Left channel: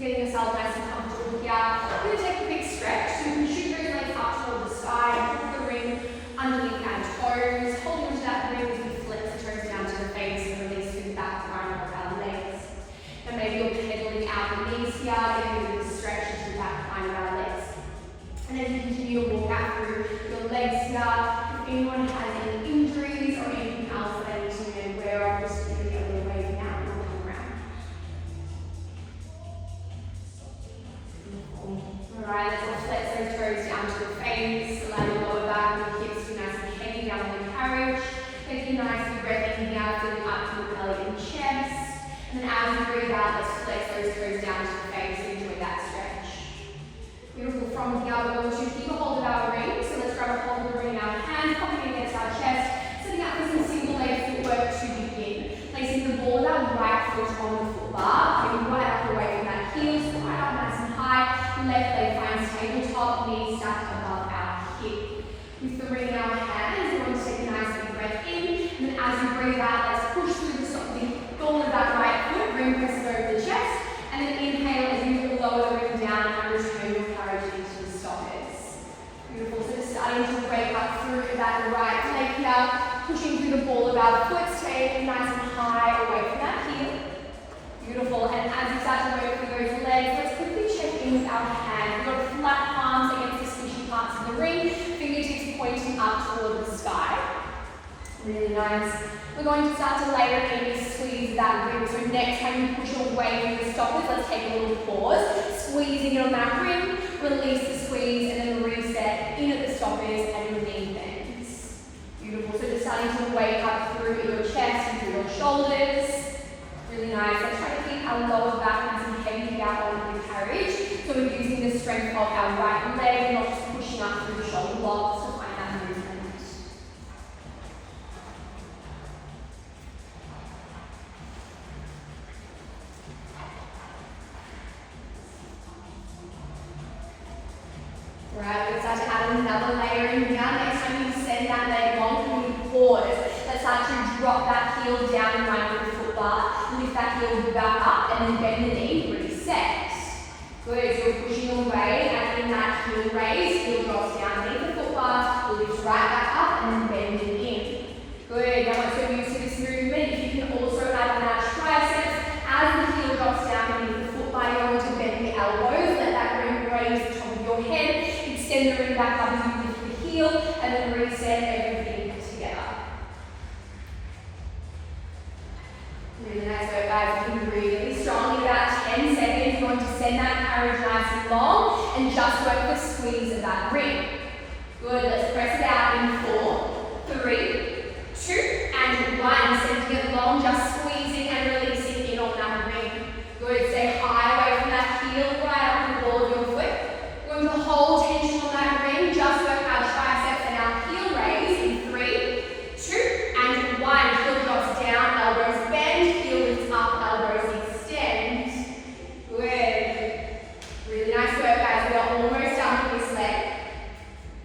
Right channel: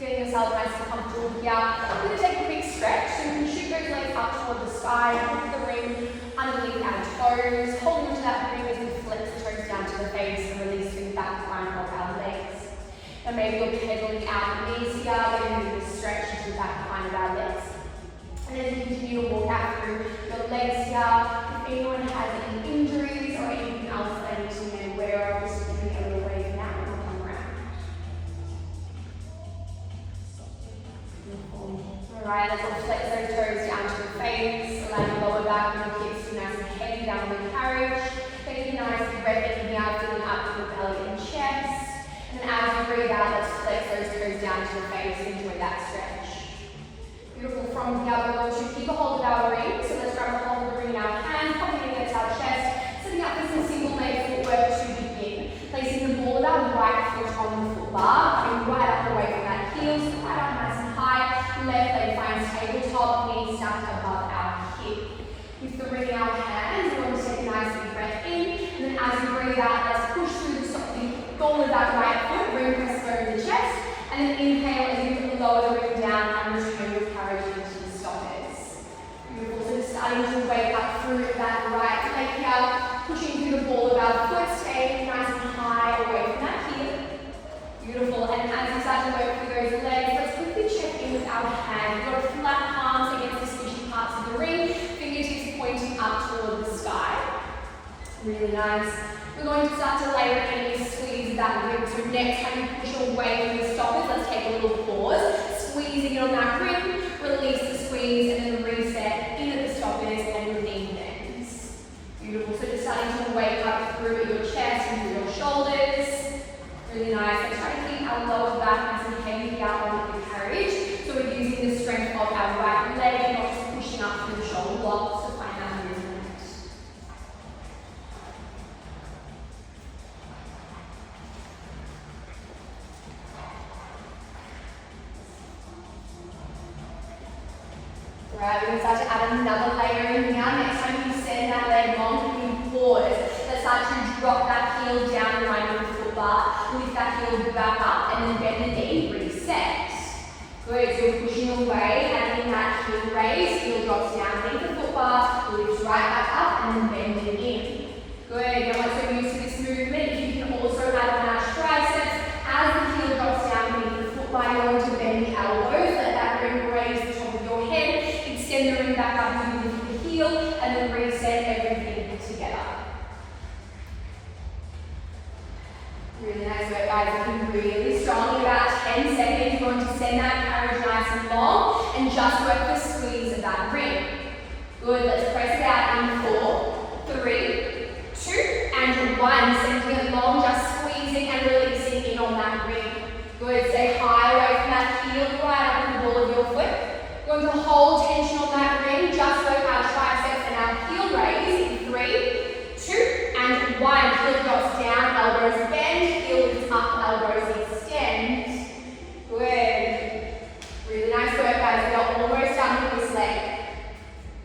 Getting yourself nice and comfortable here. We're going to take a big stretch. So you can shoot those legs up toward the sky, move the ring underneath our toes, holding onto that ring as we flex the toes down to the face and release through the back line of our legs. And maybe you're pedaling out the knees here, getting a big stretch into the back line of our legs. And then you continue to walk out through your legs here. If anyone has any injuries or anything else that I need to be aware of, just do the other way now and we'll come around. Alright, let's all flex those toes down to the face, allow your lower back and your hips to be nice and heavy down with courage. Take a nice breath in here, filling up through the belly and chest. And as you breathe out, let's flex those toes down to the face and enjoy that stretch. Beautiful. From here, we're going to keep a hold of our ring. So let's grab a hold of the ring in our hands, popping against our chest, setting up with some single leg footwork to begin. Placing the ball of our right foot on the foot bar, coming right up away from that heel, so right up nice and high. Left leg finds tabletop, knee stacked above our hip. With the ring in our hands, we're going to take a nice deep breath in, and then as we breathe out, let's push through the goal of that right foot, ring press over the chest, and then inhale as you lower the ring down and return your courage into the stoppers. Beautiful. So just starting to wake up through that right leg here, pushing through the ball of our foot, staying nice and high away from that heel. Beautiful. And as we start to work through those legs, let's quickly check in with our hands. We've got flat palms against the squishy parts of the ring, fingertips pointing up toward the sky. Really nice. We're going to start to layer in a squeeze of that ring. So next time you push away from the stoppers, let's take a little pause. Squeezing in on that ring, release the squeeze, and then reset in at the stoppers and your knee bends. Beautiful. So just starting to wake up through your chest and through your shoulders. Really nice. Let's try to keep our lower back nice and heavy out with courage. So we're using the strength of our right leg and not just pushing up through the shoulder blocks to find our movement. Right, we're going to start to add another layer in here. Next time you send that leg long, when you pause, let's start to drop that heel down in line with the foot bar, lift that heel back up, and then bend the knee, reset. Good, so you're pushing away, and in that heel raise, heel drops down beneath the foot bar, lifts right back up, and then bending in. Good, now once you're used to this movement, you can also add on our triceps. As the heel drops down beneath the foot bar, you want to bend the elbows, let that ring raise the top of your head. Extend the ring back up as you lift the heel, and then reset everything together. Really nice work, guys. Looking really strong. In about 10 seconds, you're going to send that carriage nice and long, and just work the squeeze of that ring. Good. Let's press it out in 4, 3, 2, and 1. Sending it long, just squeezing and releasing in on that ring. Good. Stay high away from that heel, right up the ball of your foot. Going to hold tension on that ring, just work our triceps and our heel raise in 3, 2, and 1. Heel drops down, elbows bend, heel lifts up, elbows extend. Good. Really nice work, guys. We are almost done with this leg.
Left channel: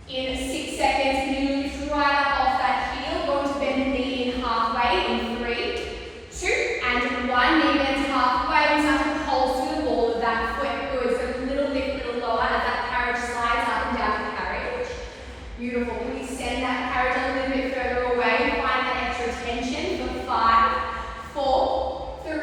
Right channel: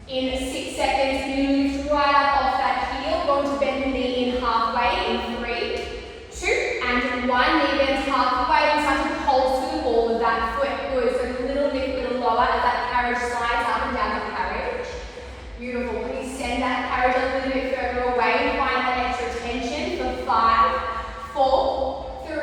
In 6 seconds, you lift right up off that heel, going to bend the knee in halfway in 3, 2, and 1. Knee bends halfway, and start to pulse to the ball of that foot. Good. So a little bit lower as that carriage slides up and down the carriage. Beautiful. When you send that carriage a little bit further away, find that extra tension for 5, 4, 3,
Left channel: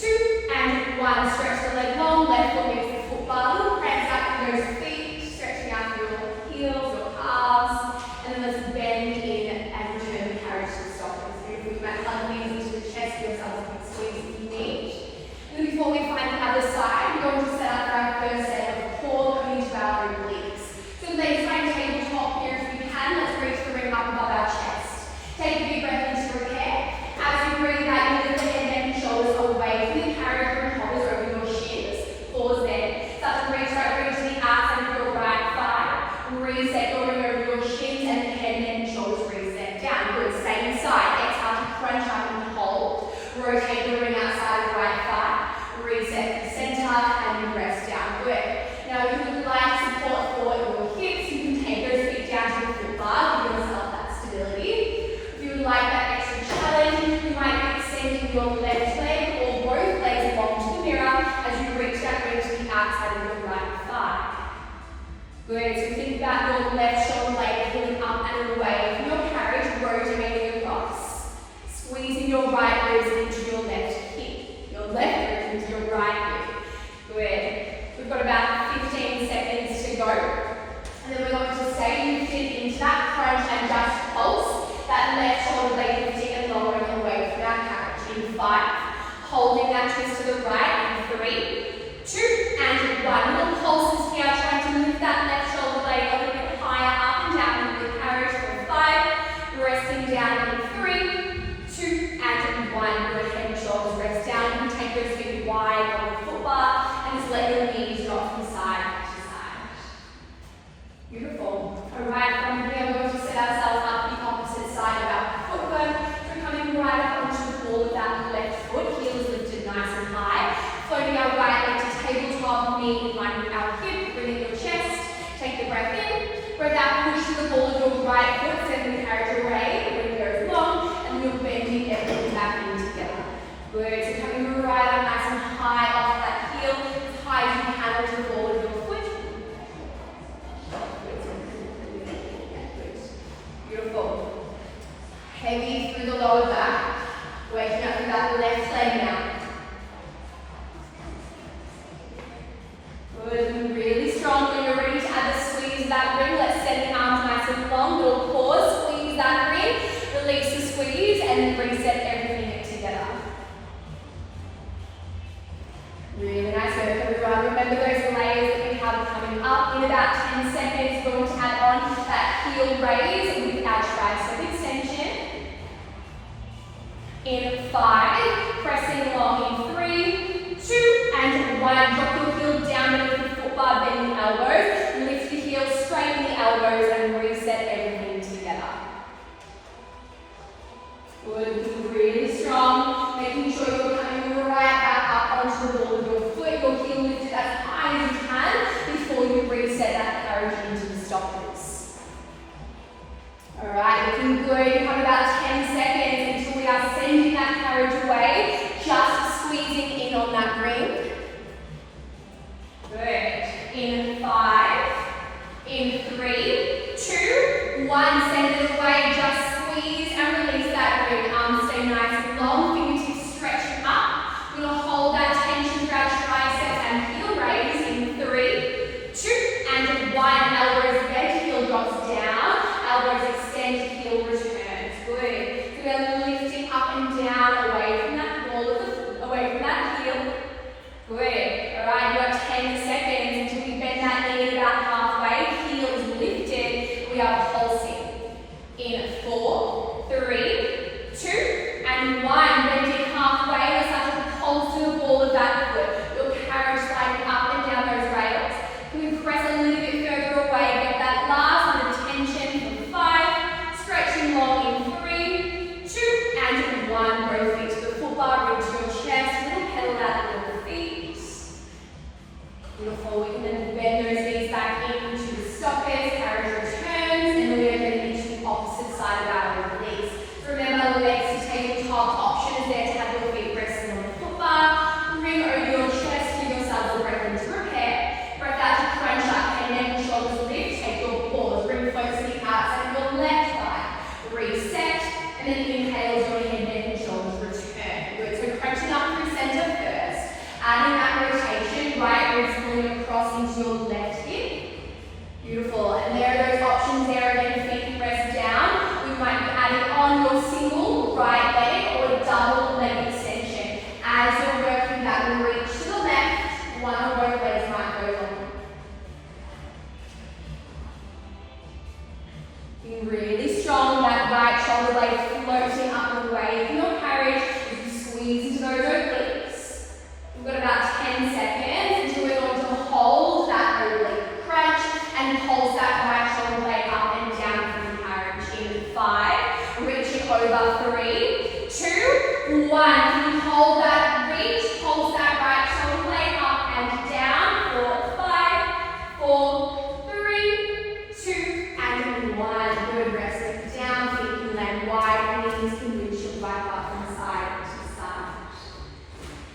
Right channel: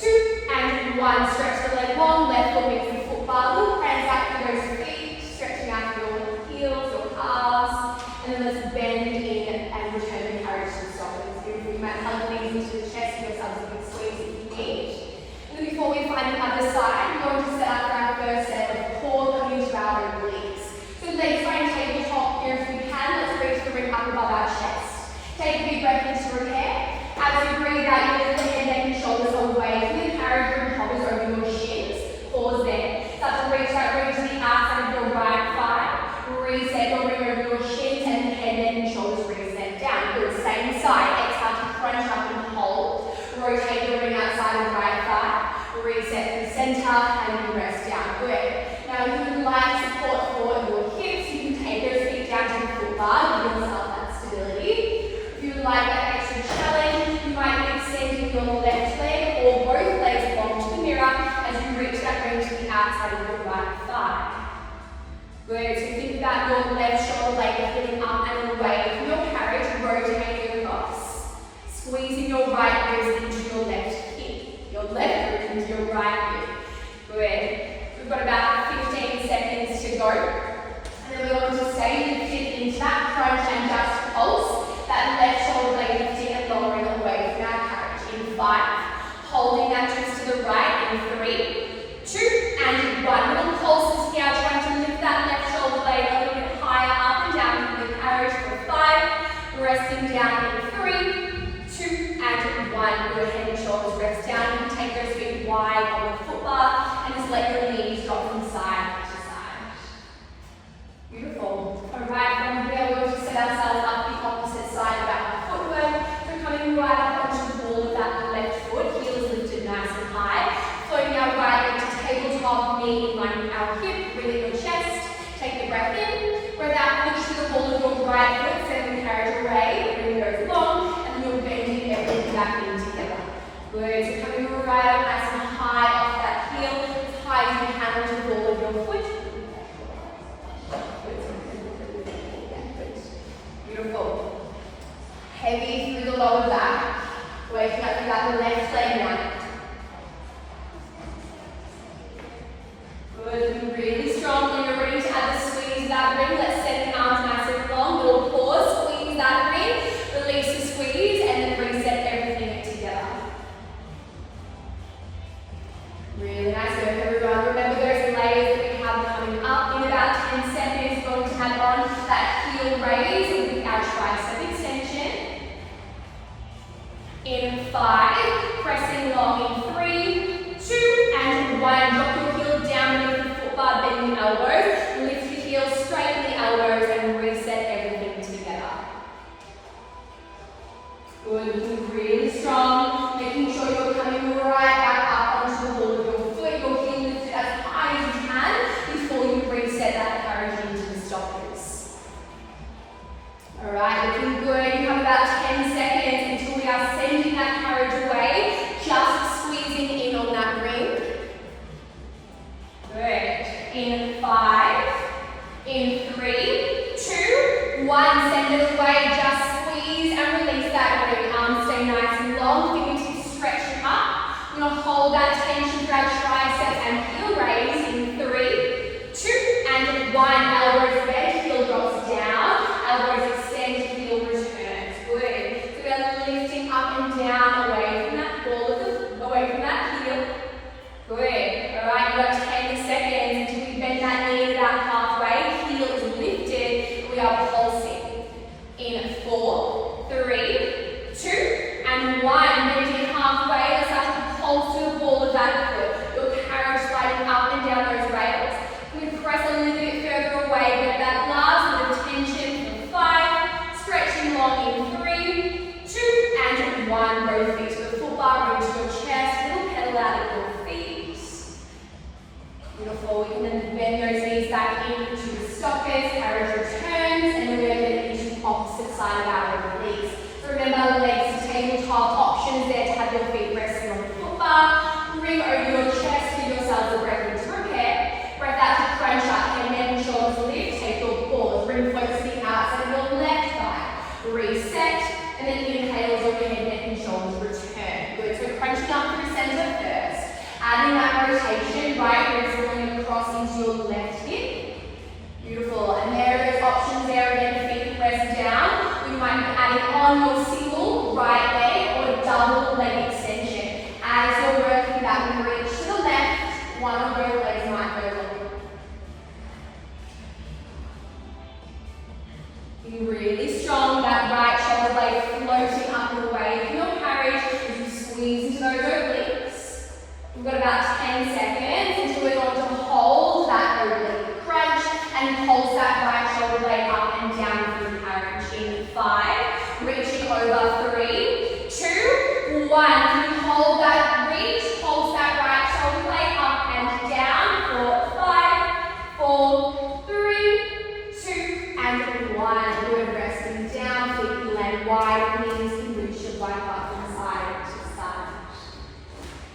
2, and 1. Stretch the leg long, left foot meets the foot bar. Little press back through those feet, stretching out your heels, your calves, and then let's bend in and return the carriage to the stoppers. Beautiful. You might hug the knees into the chest, give yourself a good squeeze if you need. And before we find the other side, we're going to set up for our first set of core coming to our obliques. So legs find tabletop here if we can. Let's reach the ring up above our chest. Take a big breath into repair. As you breathe out, you lift the head, neck, and shoulders away from the carriage ring hovers over your shins. Pause there. Start to reach out, reach the outside of your right thigh. Reset your ring over your shins, and the head, neck, and shoulders reset down. Good. Same side. Exhale to crunch up and hold. Rotate the ring outside of right thigh. Reset the center, and you rest down. Good. Now, if you would like support for your hips, you can take those feet down to the foot bar, give yourself that stability. If you would like that extra challenge, you might be extending your left leg or both legs along to the mirror as you reach that your right hip. Good. We've got about 15 seconds to go. And then we're going to stay lifted into that crunch and just pulse. That left shoulder blade lifting and lowering away from our carriage. In 5. Holding that twist to the right in 3, 2, and 1. Little pulses here, trying to lift that left shoulder blade a little bit higher, up and down with the carriage for 5. Resting down in 3, 2, and 1. Good, head and shoulders rest down. You can take your feet wide on the footbar and just let your knees drop from side to side. Beautiful. Alright, from here we're going to set ourselves up the opposite side of our footwork. So coming right up onto the ball with that left foot, heels lifted nice and high. Floating our right leg to tabletop, knee in line with our hip, bring in your chest. Take a breath in. Breath out, push to the ball of your right foot, send the carriage away, bring those long, and you're bending everything back in together. Good, so coming right up nice and high off that heel, as high as you can onto the ball of your foot. Beautiful. Heavy through the lower back, waking up with that left leg now. Good, really strong when you're ready to add the squeeze that ring. Let's send the arms nice and long. Little pause, squeeze that ring, release the squeeze, and then reset everything together. Really nice work, everyone. Remember those layers that we have coming up. In about 10 seconds, we're going to add on that heel raise with our tricep extension. In 5, pressing long in 3, 2, and 1. Drop your heel down beneath the footbar, bend the elbows. Lift your heel, straighten the elbows, and reset everything together. Good, looking really strong. Making sure you're coming right back up onto the ball of your foot. Your heel lifted as high as you can before you reset that carriage into the stoppers. Alright, looking good. You have about 10 seconds until we are sending that carriage away. Just squeezing in on that ring. Good. In 5, in 3, 2, 1. Send it away. Just squeeze and release that ring. Arms stay nice and long. Fingertips stretch up. We're going to hold that tension for our tricep and heel raise in 3, 2, and 1. Elbows bend, heel drops down. Elbows extend, heel returns. Good. We are lifting up and down away from that ball, away from that heel. Good. Alright, you've got 10 seconds until we bend that knee about halfway. Heel is lifted. We are pulsing. In 4, 3, 2, and 1. Bending halfway. Let's start to pulse to the ball of that foot. Your carriage sliding up and down those rails. We press a little bit further away. Get that last bit of tension in 5. Stretching long in 3, 2, and 1. Both feet to the footbar, reach your chest. Little pedal out of your feet. Beautiful. We can then bend those knees back into the stoppers, carriage returns, and we're going to get into the opposite side of our knees. So remember, legs to tabletop, options there to have your feet resting on the footbar. Bring over your chest, give yourselves a breath into repair. Breath out to crunch up, and neck and shoulders lift. Take your pause. Bring focus to the outside of your left thigh. Reset, and then inhale as your head, neck and shoulders return. Good. So crunching up through center first. Adding that rotation, right wrist rolling across into your left hip. Beautiful. And there are those options there again, the feet press down. We might be adding on your single right leg or double leg extension. As you're working that reach to the left, one or both legs might go long. Being really strong, that right shoulder blade floating up and away from your carriage as you squeeze into those obliques. We've got about 10 seconds until we're going to hold that oblique crunch and pulse that right shoulder blade up and down from the carriage. In 5, reaching over 3, 2, 1. Can you hold that reach? Pulse that right shoulder blade up and down for 5, 4, 3, 2, and 1. Good, resting down, feet can land wide, knees can reach your right up from side to side.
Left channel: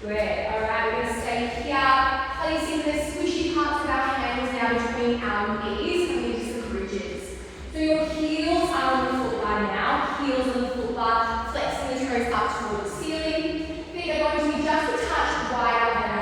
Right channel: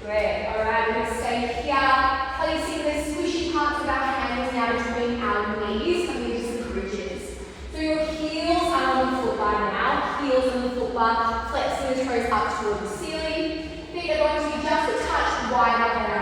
Great. Alright, we're going to stay here, placing the squishy parts of our hands now between our knees, coming into some bridges. So your heels are on the footbar now, heels on the footbar, flexing the toes up toward the ceiling. Feet are going to be just a touch wider than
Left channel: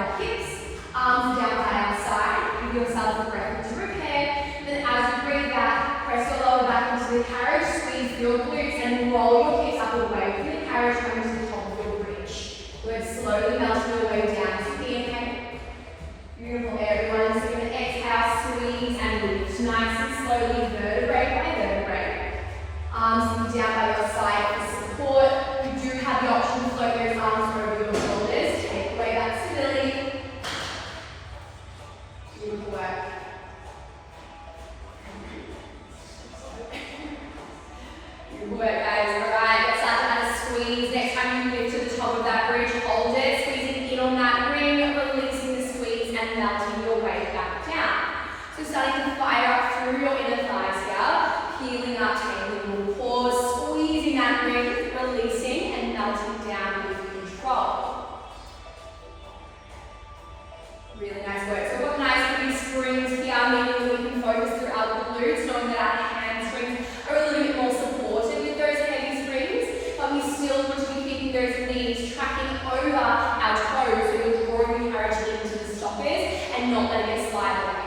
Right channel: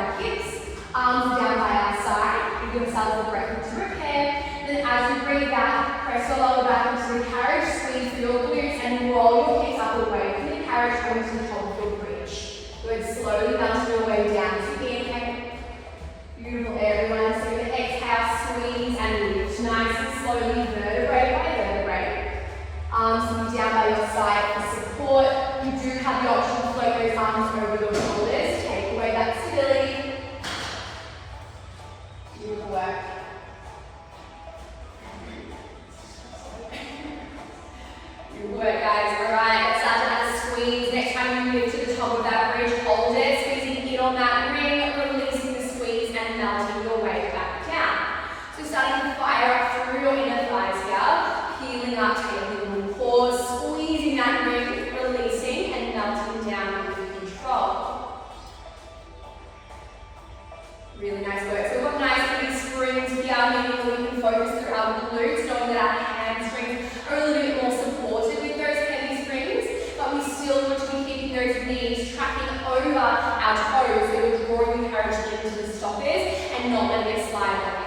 Really nice work. So we've got nice big springs here, meaning that we can focus through our glutes, knowing that our hamstrings are a little bit more supported with those heavy springs, but we still want to be keeping those knees tracking over our toes, so you're drawing the carriage into the stoppers and not letting it slide away.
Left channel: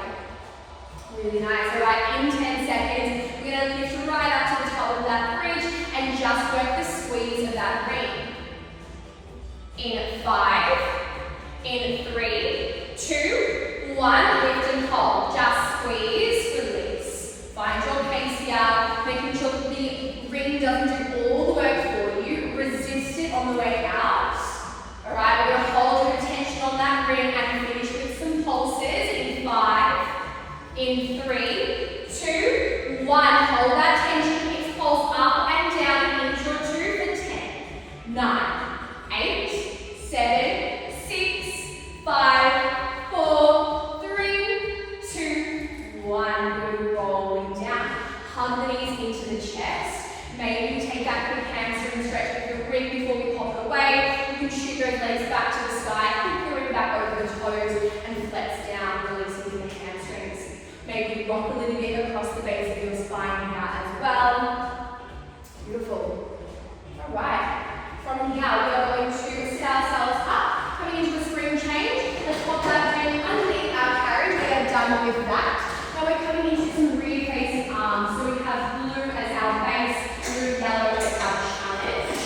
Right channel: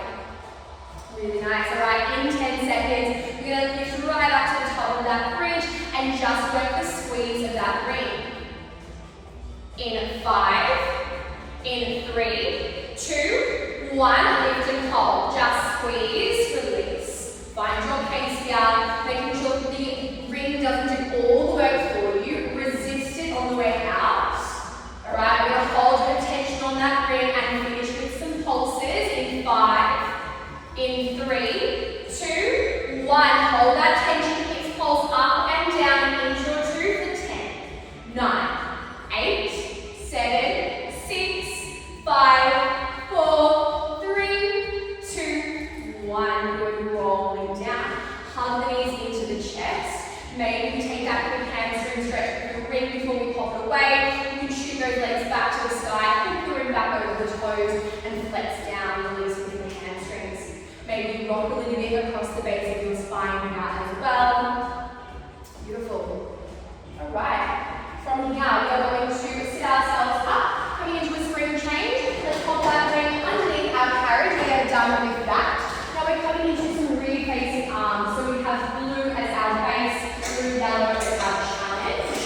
Really nice. All right, in 10 seconds, we're going to lift right up to the top of that bridge and just work the squeeze of that ring. In 5, in 3, 2, 1, lift and hold. Just squeeze, release. Find your pace here, making sure that the ring doesn't do all the work for you. Resist it on the way out. All right, we're going to hold your attention on that ring and finish with some pulses. In 5, in 3, 2, 1. Hold that tension, hips pulse up and down and into your 2 for 10, 9, 8, 7, 6, 5, 4, 3, 2, 1. Good, rolling down. Hug the knees into the chest. Maybe we take that quick hamstring stretch with the ring before we pop it away. You can shoot those legs back to the sky, kick the ring back over the toes and flex down, releasing the hamstrings. Maybe rock a little bit across the base of your spine here as well. Beautiful. All right. From here, we are going to sit ourselves up, coming into a spring change. Let's pop that ring underneath our carriage. We are done with that. Now we're coming into some rear facing arms. So we have blue as our base, blue, yellow as our challenge.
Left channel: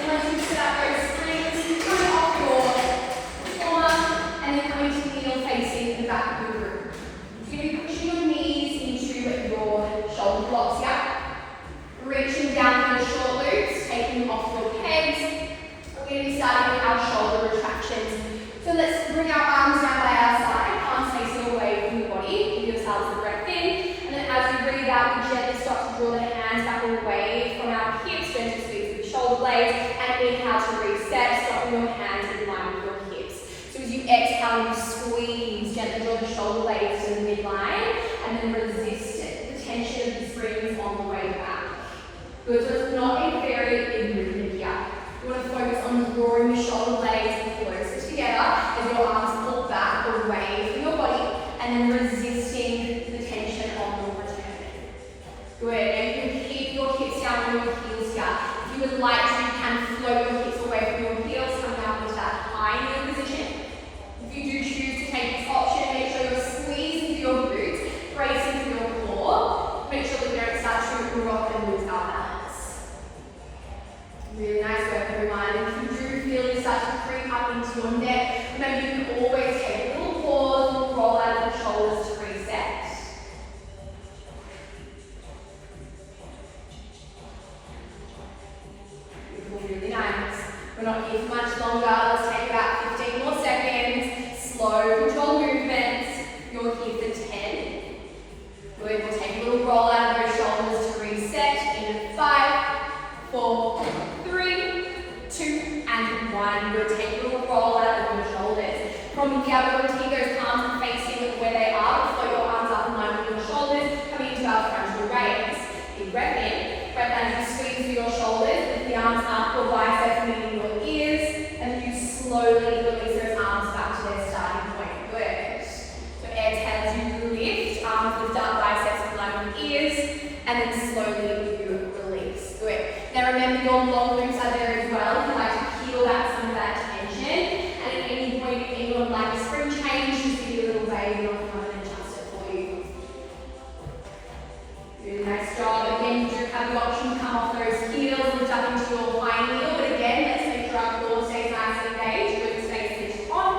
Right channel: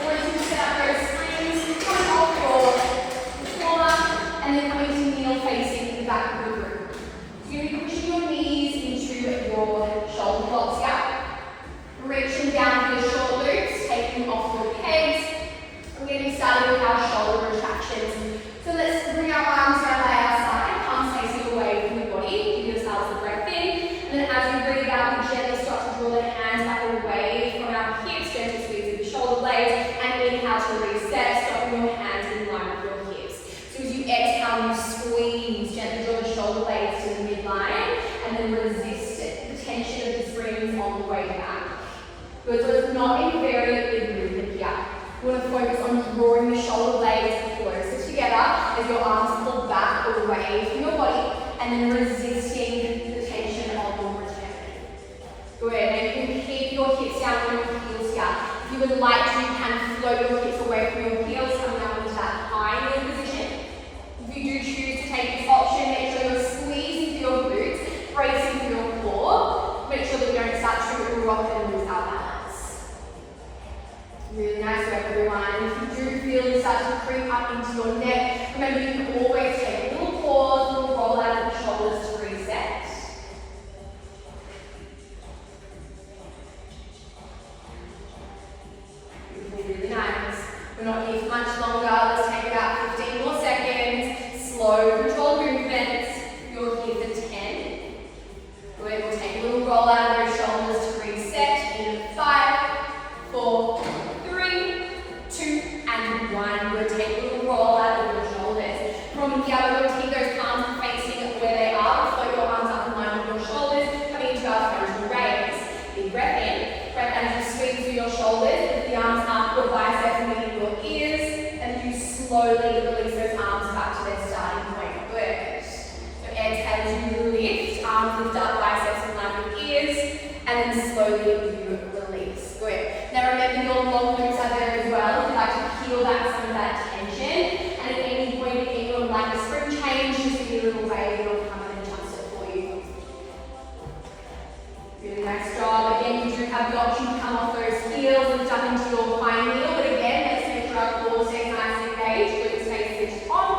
I want you to set up those springs, coming off your corner, and then coming to kneel facing the back of the room. So you're going to be pushing your knees into your shoulder blocks here. Reaching down for the short loops, taking off your pegs. We're going to be starting with our shoulder retractions. So let's bring our arms down by our side, palms facing away from your body. Give yourselves a breath in. And then as we breathe out, we gently start to draw the hands back away from our hips, gentle squeeze of the shoulder blades, and inhale to reset, stopping your hands in line with your hips. So as you exhale, you squeeze, gently draw the shoulder blades to the midline, and then resist it, the tension of the springs on the way back. Good, so it's not a very big movement here. You want to focus on drawing the shoulder blades closer together as your arms pull back away from your body and then resisting the tension of your return. Good, and you can keep your hips down on your heels here. If you would like to, you can float your hips away from your heels, coming out into that high knee position. If you do choose to take this option, make sure you're squeezing through your glutes, bracing through your core. Make sure that you don't start to rock and lose our balance. Really nice work, everyone. If you do feel you start to creep up into your neck, remember you can always take a little pause and roll out of the shoulders to reset. Beautiful, really nice. We're not here for much longer. Let's take about 15 more seconds. Slow, controlled movements. You're here for 10. Good, we'll take a little roll out of your shoulders to reset in 5, 4, 3, 2, and 1. We'll take a little roll out of your shoulders. From here, we're going to keep those arms facing where they are. We'll float your arms up in line with your shoulders, coming into our frontal raise. Big breath in. Breath out as you squeeze through your shoulders. Lift the arms up, your biceps meeting your ears, and then you slowly release those arms back to their starting point. Good. So exhale as you lift, arms lift up, biceps in line with ears, and then slowly you release. Good. Now remember your long loops are there as well if you'd like to peel back some of that tension. And at any point, if anyone would like a spring change, just be a little baby or come and adjust it for you. Really nice job. Again, you do have the option to come off those heels and jump into your high heel. But again, let's make sure our core stays nice and engaged. Glutes stay switched on.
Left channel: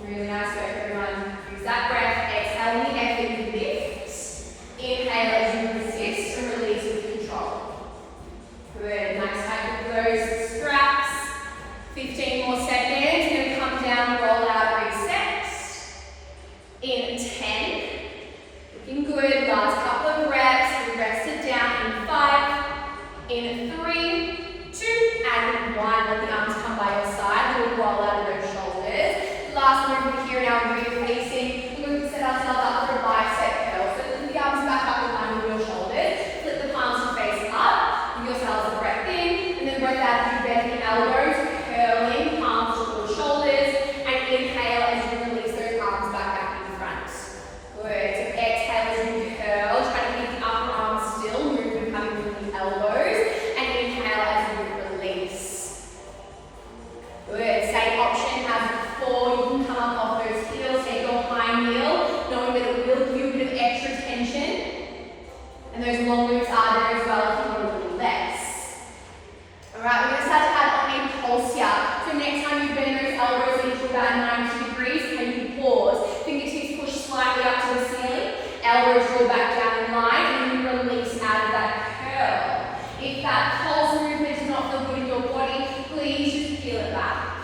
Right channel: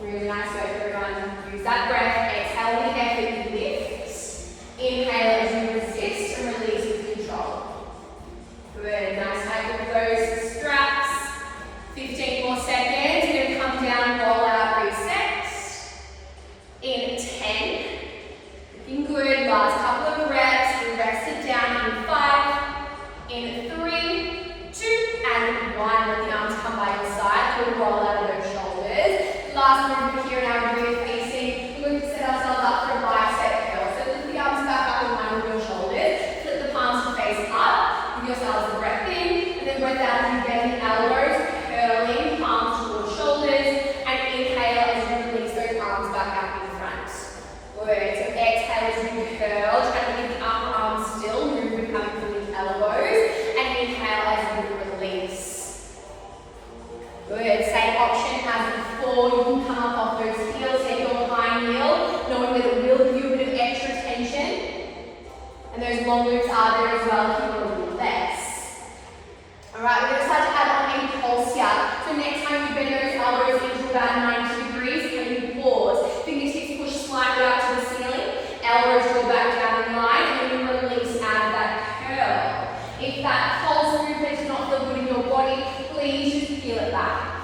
Really nice work, everyone. Use that breath. Exhale in the air that you lift. Inhale as you resist and release with control. Good. Nice. Take off those straps. 15 more seconds. You're going to come down, roll out, reset. In 10. Looking good. Last couple of reps. We rested down in 5. In 3, 2, and 1. Let the arms come by your side. We'll roll out of those shoulders. Last movement here in our rear facing. We're going to set ourselves up for a bicep curl. So lift the arms back up in line with your shoulders. Flip the palms to face up. Give yourselves a breath in. And then breath out as you get long glutes are there as well if you want to do less. Alright, we're going to start to add on a pulse here. So next time you bend those elbows into about 90 degrees, when you pause, fingertips push slightly up to the ceiling, elbows draw back down the line, and then you release out of that curl. If that pulse movement does not feel good in your body, please just peel it back.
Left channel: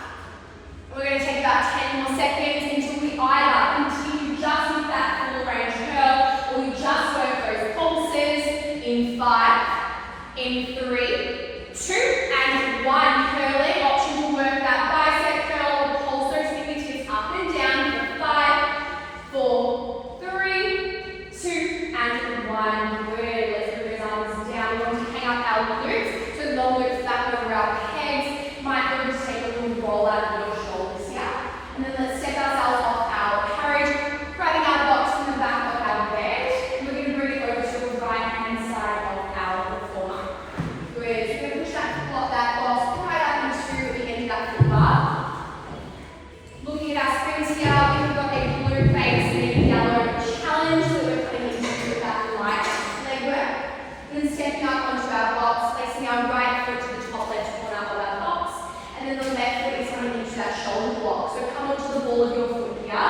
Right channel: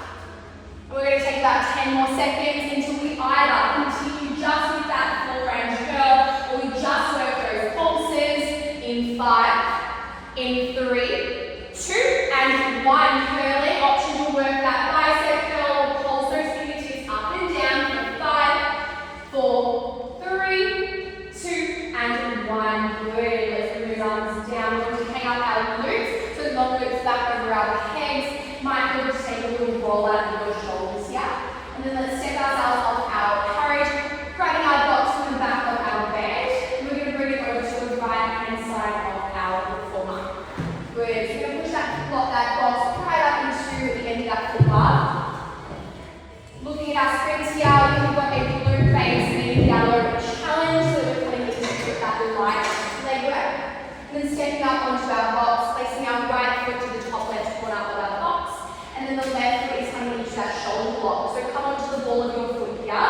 And we're going to take about 10 more seconds until we either continue just with that full range curl, or we just work those pulses in 5, in 3, 2 and 1, curling. Option to work that bicep curl or pulse those fingertips up and down for 5, 4, 3, 2 and 1. Good. Let's move arms down. We're going to hang up our glutes. So long glutes back over our pegs. Might just take a little roll out of your shoulders here. And then let's step ourselves off our carriage, grabbing our box from the back of our bed. And we're going to bring it over to the right hand side of our performer. Good. So we're going to push that box right up into the end of that foot bar. Looking at our sprints here, we've got a glute base knee down challenge, so we're coming into that right leg work. And then stepping up onto our box, placing our right foot to the top left corner of our box, and then the left foot is coming into that shoulder block. So come onto the ball of your foot here.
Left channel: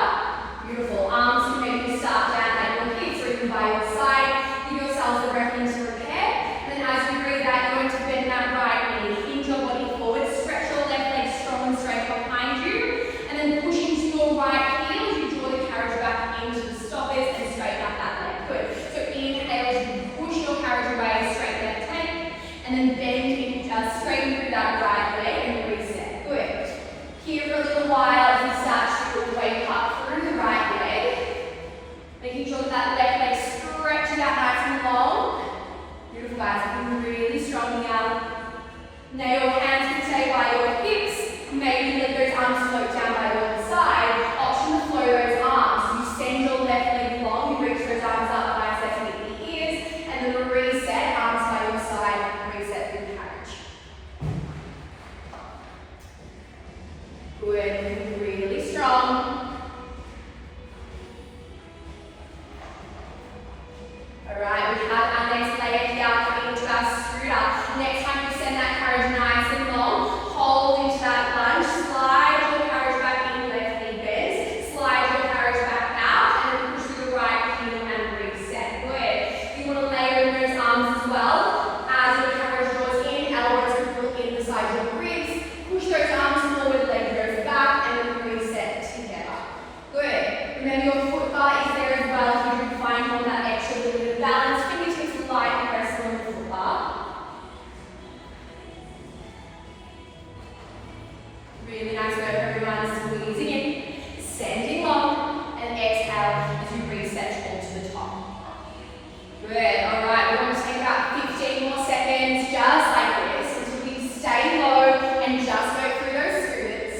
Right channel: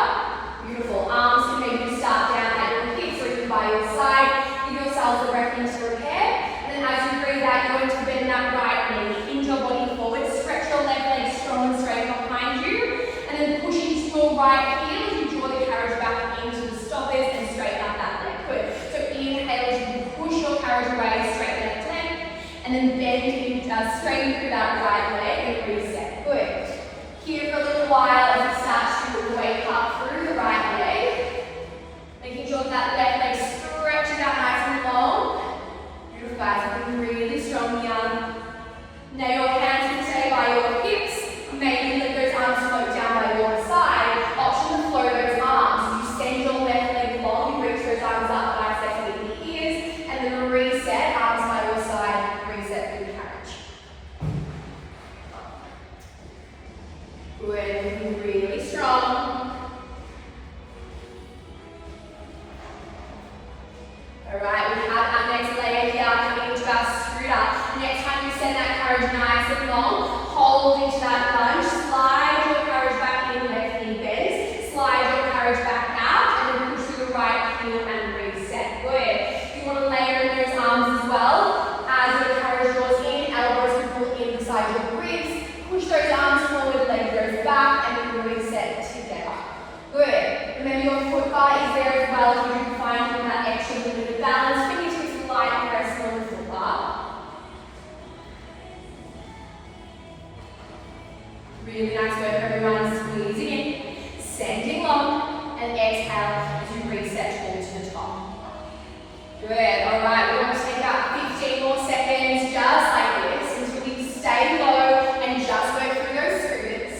Beautiful. Arms can maybe start down at your hips or even by your side. Give yourself the breath into repair. And then as you breathe out, you're going to bend that right knee, hinge your body forward, stretch your left leg strong and straight behind you, and then push into your right heel as you draw the carriage back into the stoppers and straighten up that leg. Good. So inhale as you push your carriage away, straight left leg, and then bend in, just straighten through that right leg and reset. Good. Here for a little while as you start to wake up through the right leg, making sure that left leg stretches out nice and long. Beautiful, guys, really strong here. Now your hands can stay by your hips. Maybe let those arms float down by your side. Option to flow those arms. You send your left leg long, you reach those arms up, biceps with the ears, and then reset, arms by your side, reset through the carriage. Good, looking really strong. Alright, we have our next leg here coming into our scooter. Next time you send that carriage nice and long, hold into that lunge, slide your carriage back in, left knee bends, slide your carriage back out, and then push your right heel and reset. Good. You want to layer in those arms as well. As your carriage draws in, elbows can pull in beside your ribs. Push those arms forward, leg goes back, and then reset together. Good. Remember your foot bar is there as well if you can find all that extra little bit of balance. Fingertips light and press on the foot bar. Really nice work, everyone. Squeezing in, sending long, and exhale as you reset all to the top. Good. Alright, we're going to take about 15 more seconds just like this until we can stay low and just work through those scooters.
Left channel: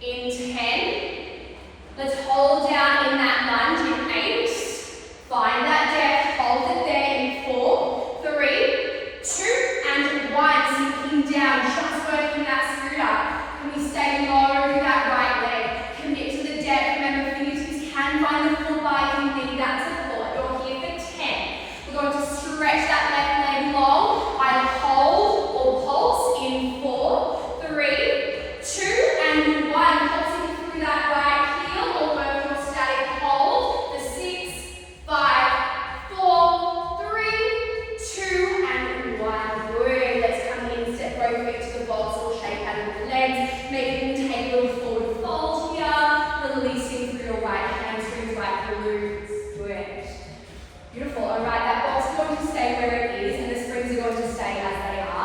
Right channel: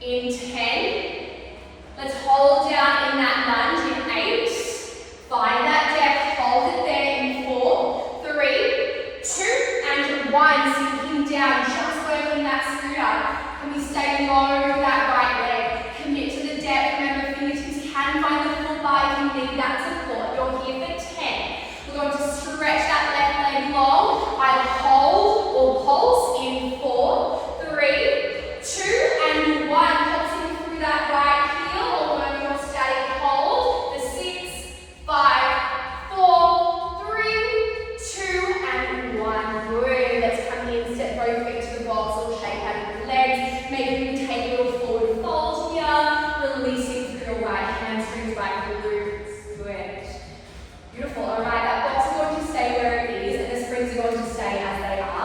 In 10. Let's hold down in that lunge in 8. Find that depth, hold it there in 4, 3, 2, and 1. Sinking down, just working that scooter. Can we stay low with that right leg? Commit to the depth. Remember, fingertips can find the full bar if you need that support. You're here for 10. We're going to stretch that left leg long. Either hold or pulse in 4, 3, 2, and 1. Pulsing through that right heel, or work your static hold for 6, 5, 4, 3, 2, and 1. Good. Let's come in, step both feet to the box or shake out of the legs. Maybe you take a little forward fold here, releasing through your right hamstrings, right glutes. Good. Beautiful. Alright, that box is going to stay where it is, and the springs are going to stay as they are.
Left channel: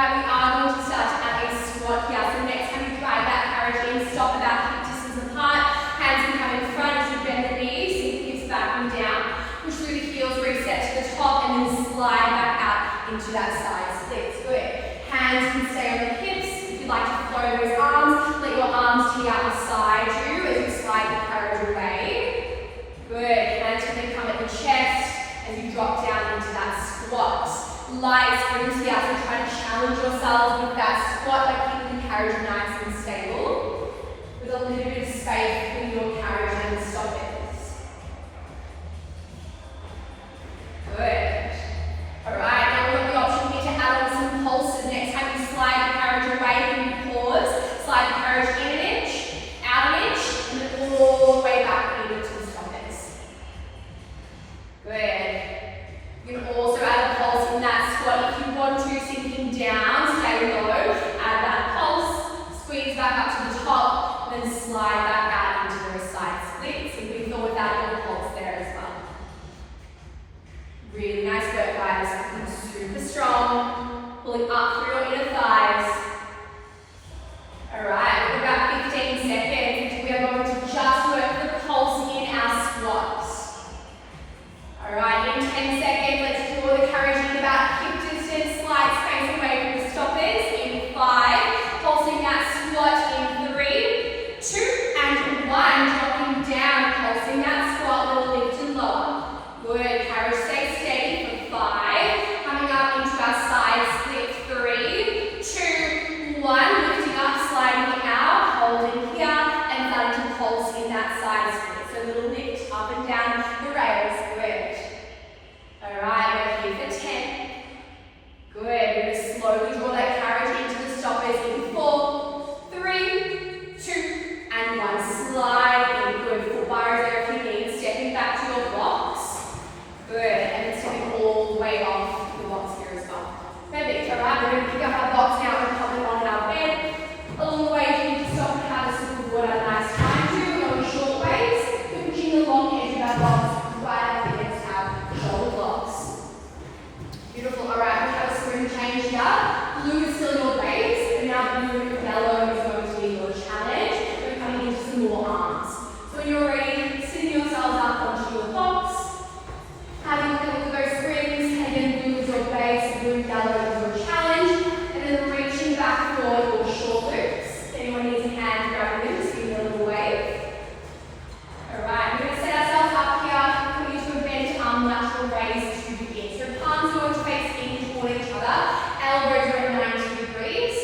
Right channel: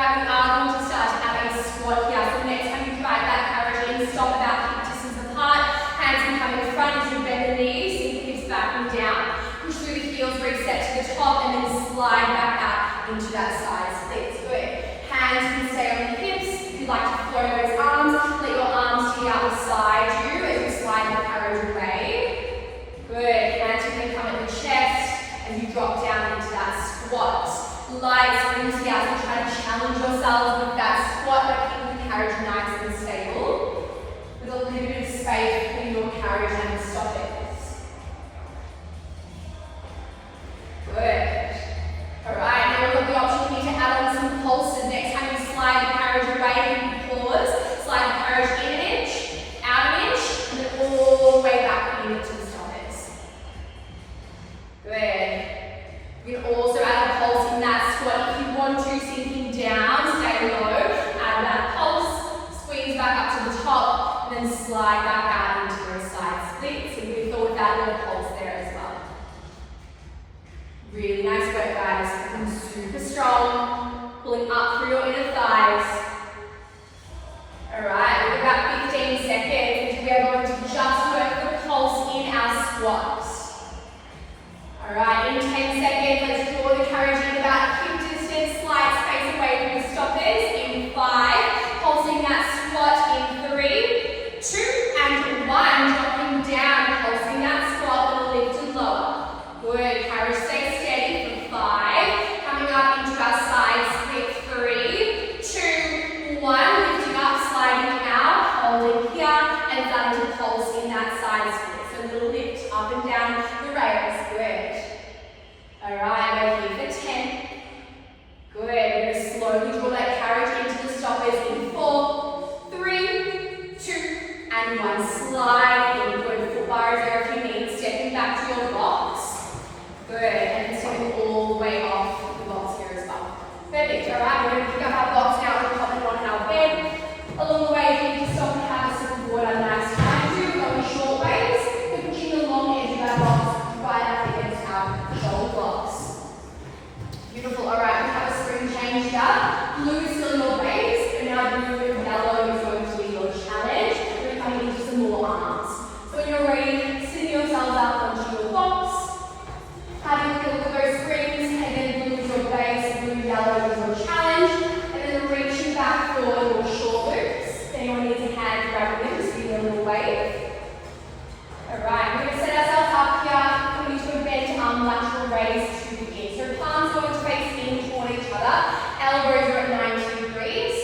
Alright, we are going to start to add a squat here. So next time you drive that carriage in, stop about hip distance apart. Hands can come in front as you bend the knees, sink the hips back and down. Push through the heels, reset to the top, and then slide back out into that side split. Good. Hands can stay on the hips. If you like to flow those arms, let your arms take out beside you as you slide the carriage away. Good. Hands can then come at the chest as you drop down into that squat. Light springs here, so try to challenge yourself with that squat by keeping the carriage nice and stable. With a little bit of space between your carriage and the stoppers. Good. Alright, now we've got the option here to add on some pulses. Next time you slide the carriage away, you can pause, slide the carriage in an inch, out an inch, and then all the way back into the stoppers. Good. You can also add a pulse in that squat if you want to, sinking down, stay low, add that pulse, squeeze back up to the top, and then slide back out into those side splits. So we thought without a pulse there as well. Really nice work, guys. Become super strong, pulling up through your inner thighs. Alright, we've got about 15 seconds. We are going to just work the pulse in our squats. Alright, in 10 seconds, let's draw the carriage in about hip distance, slight space away from the stoppers. In 5, pulsing that squat in 3, 2, and 1. Dropping down, pulsing that squat, little lift and lower. Good, carriage stay steady for 5. Coming up into our side split, 3, 2, 1. Lifting up, sliding out, holding here, and starting to pulse in that side split. So a little lift up and down the rails. Good. Alright, we're here for 10. Good. We're going to slowly draw that carriage into the stoppers in 4, 3, 2, and 1. Slide in. Good. Foot bars there if you need. Stepping back to your blocks. Good. And then stepping all the way off the blocks here as well. Perfect. Alright, we're going to pick up our blocks now and pop it on our bed. Along the way, you can stop and have a sip of water. Nice time to. We're going short ways. We're pushing the long edge of our blocks right up against our shoulder blocks. Beautiful. Alright, we have a spring change here. Blue is still in your base, and now blue and yellow is going to be your challenge. We're coming into some more arms. So when you're ready, sitting yourselves up onto your box, having a look at those springs, and then blue is your base, blue and yellow is your challenge, and then reaching back for your short loops. If anyone needs a hand to grab your loops, give me a little wave. Alright, we're going to set ourselves up here, put into a bent arm lateral raise to begin. So palms going to face in toward each other, elbows are at 90 degrees.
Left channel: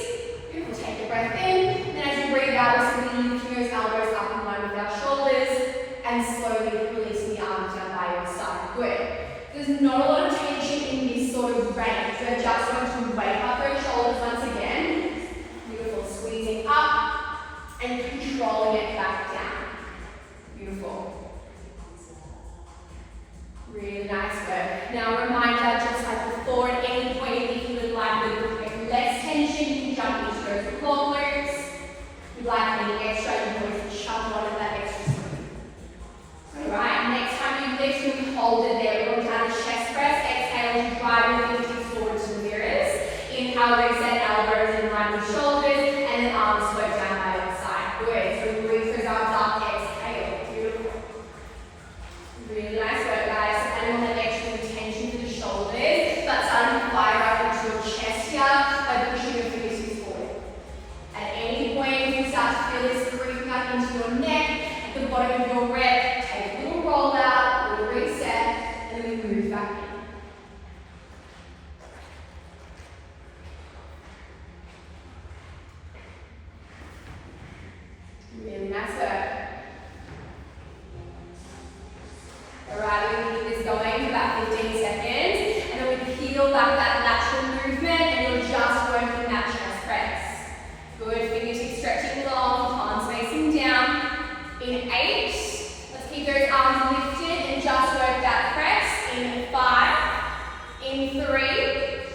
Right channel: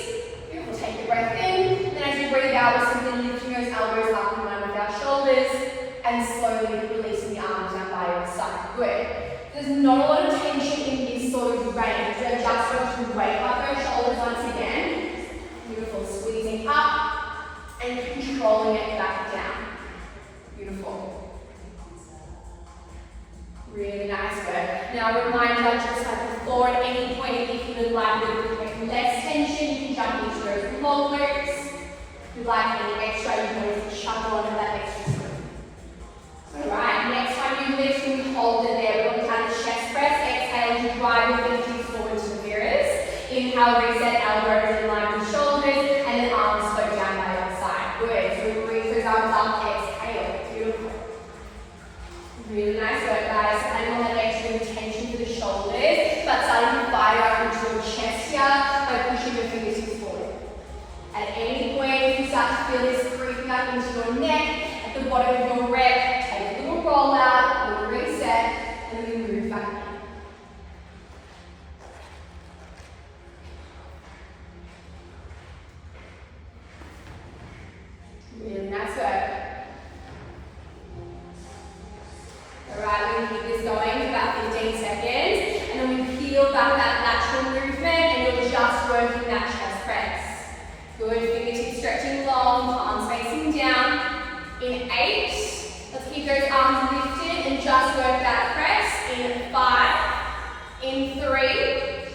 We'll take a breath in, then as you breathe out, we're simply lifting those elbows up in line with our shoulders, and slowly releasing the arms down by your side. Good. There's not a lot of tension in this sort of range. We're just going to wake up those shoulders once again. Beautiful. Squeezing up and controlling it back down. Beautiful. Really nice work. Now a reminder, just like before, at any point if you would like a little bit less tension, you can jump into those long loops. If you'd like any extra, you can always shove onto that extra spring. Alright, next time you lift, you can hold it there. We'll count a chest press. Exhale to drive your fingertips forward to the mirrors. Inhale, reset elbows in line with shoulders, and then arms float down by your side. Good. So breathe those arms up. Exhale. Beautiful. Really nice work, guys. Adding on that extra tension to the shoulders, but starting to fire into your chest here by pushing your fingertips forward. At any point, if you start to feel this creeping up into your neck, at the bottom of your rep, take a little roll out, a little reset, and then move back in. Really nice work. Alright, we're going to keep this going for about 15 seconds, and then we peel back that lateral movement, and you're just working that chest press. Good, fingertips stretching long, palms facing down. In 8, let's keep those arms lifted and just work that press. In 5, in 3,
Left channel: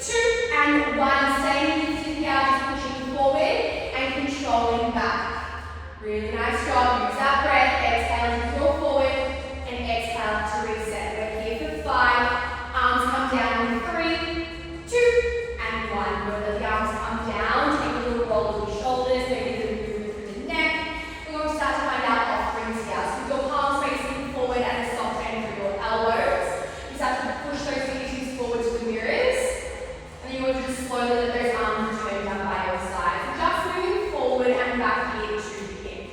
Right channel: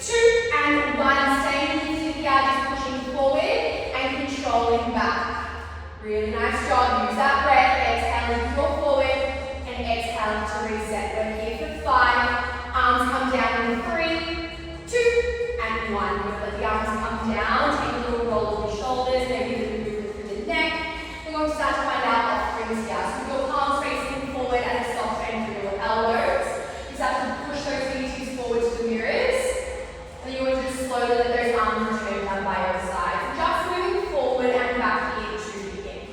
2, and 1. Staying lifted here, just pushing forward and controlling back. Really nice job. Use that breath. Exhale to draw forward and exhale to reset. We're here for 5. Arms come down in 3, 2, and and 1. We're going to let the arms come down, take a little roll of the shoulders, maybe a little movement through the neck. We're going to start to find out offerings here. So with your palms facing forward at a soft angle for your elbows. You start to push those fingertips forward to the mirrors. And then you're going to just slowly let those arms turn down by your side. Just moving forward and back here to begin.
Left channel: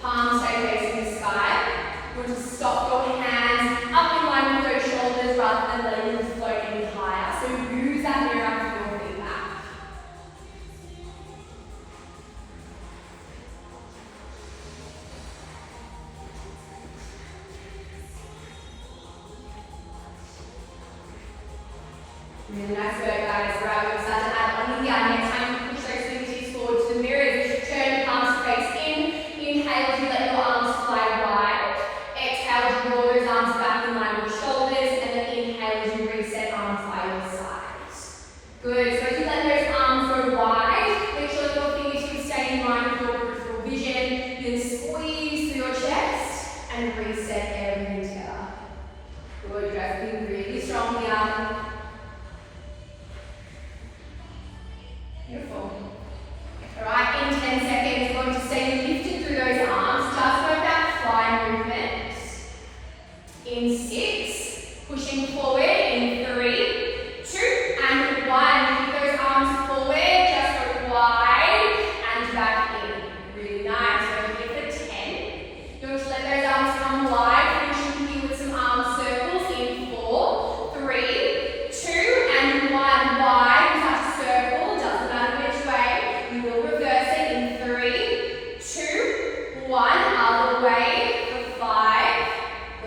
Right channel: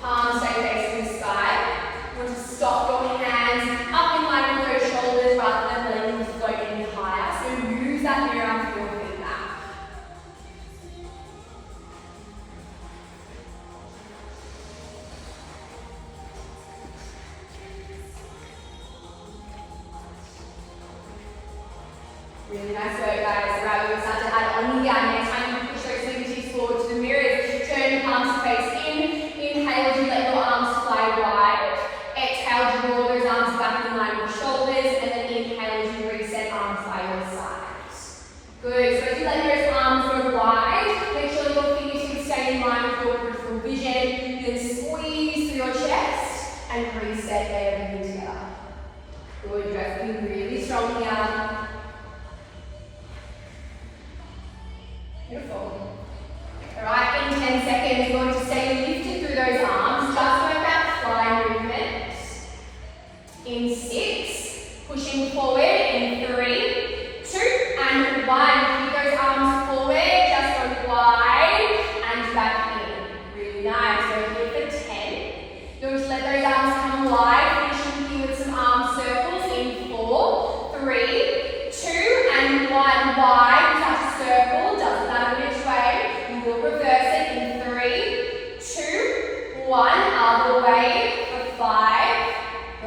Palms stay facing the sky. You want to stop your hands up in line with those shoulders rather than letting them float any higher. So use that mirror for your feedback. Really nice work, guys. Right, we're going to start to add on again. Next time you push those fingertips forward to the mirrors. Turn the palms to face in. Inhale as you let your arms fly wide. Exhale as you roll those arms back in line with shoulders. And then inhale as you reset arms by your sides. Good. So as you let those arms go wide, make sure your fingertips stay in line with your peripheral vision. Then squeeze through your chest and reset everything together. Good. You're feeling really strong here. Beautiful. Alright, in 10 seconds, you're going to stay lifted through those arms, just like that fly movement. In 6, pushing forward in 3, 2, and 1. Keep those arms forward, just go wide and back in. Really nice. So here for 10. You're going to let those arms come wide, finishing here with some arm circles in 4, 3, 2, and 1. Wide. Touch a circle, doesn't matter which way. We will reverse it in 3, 2, 1. Other way for 5.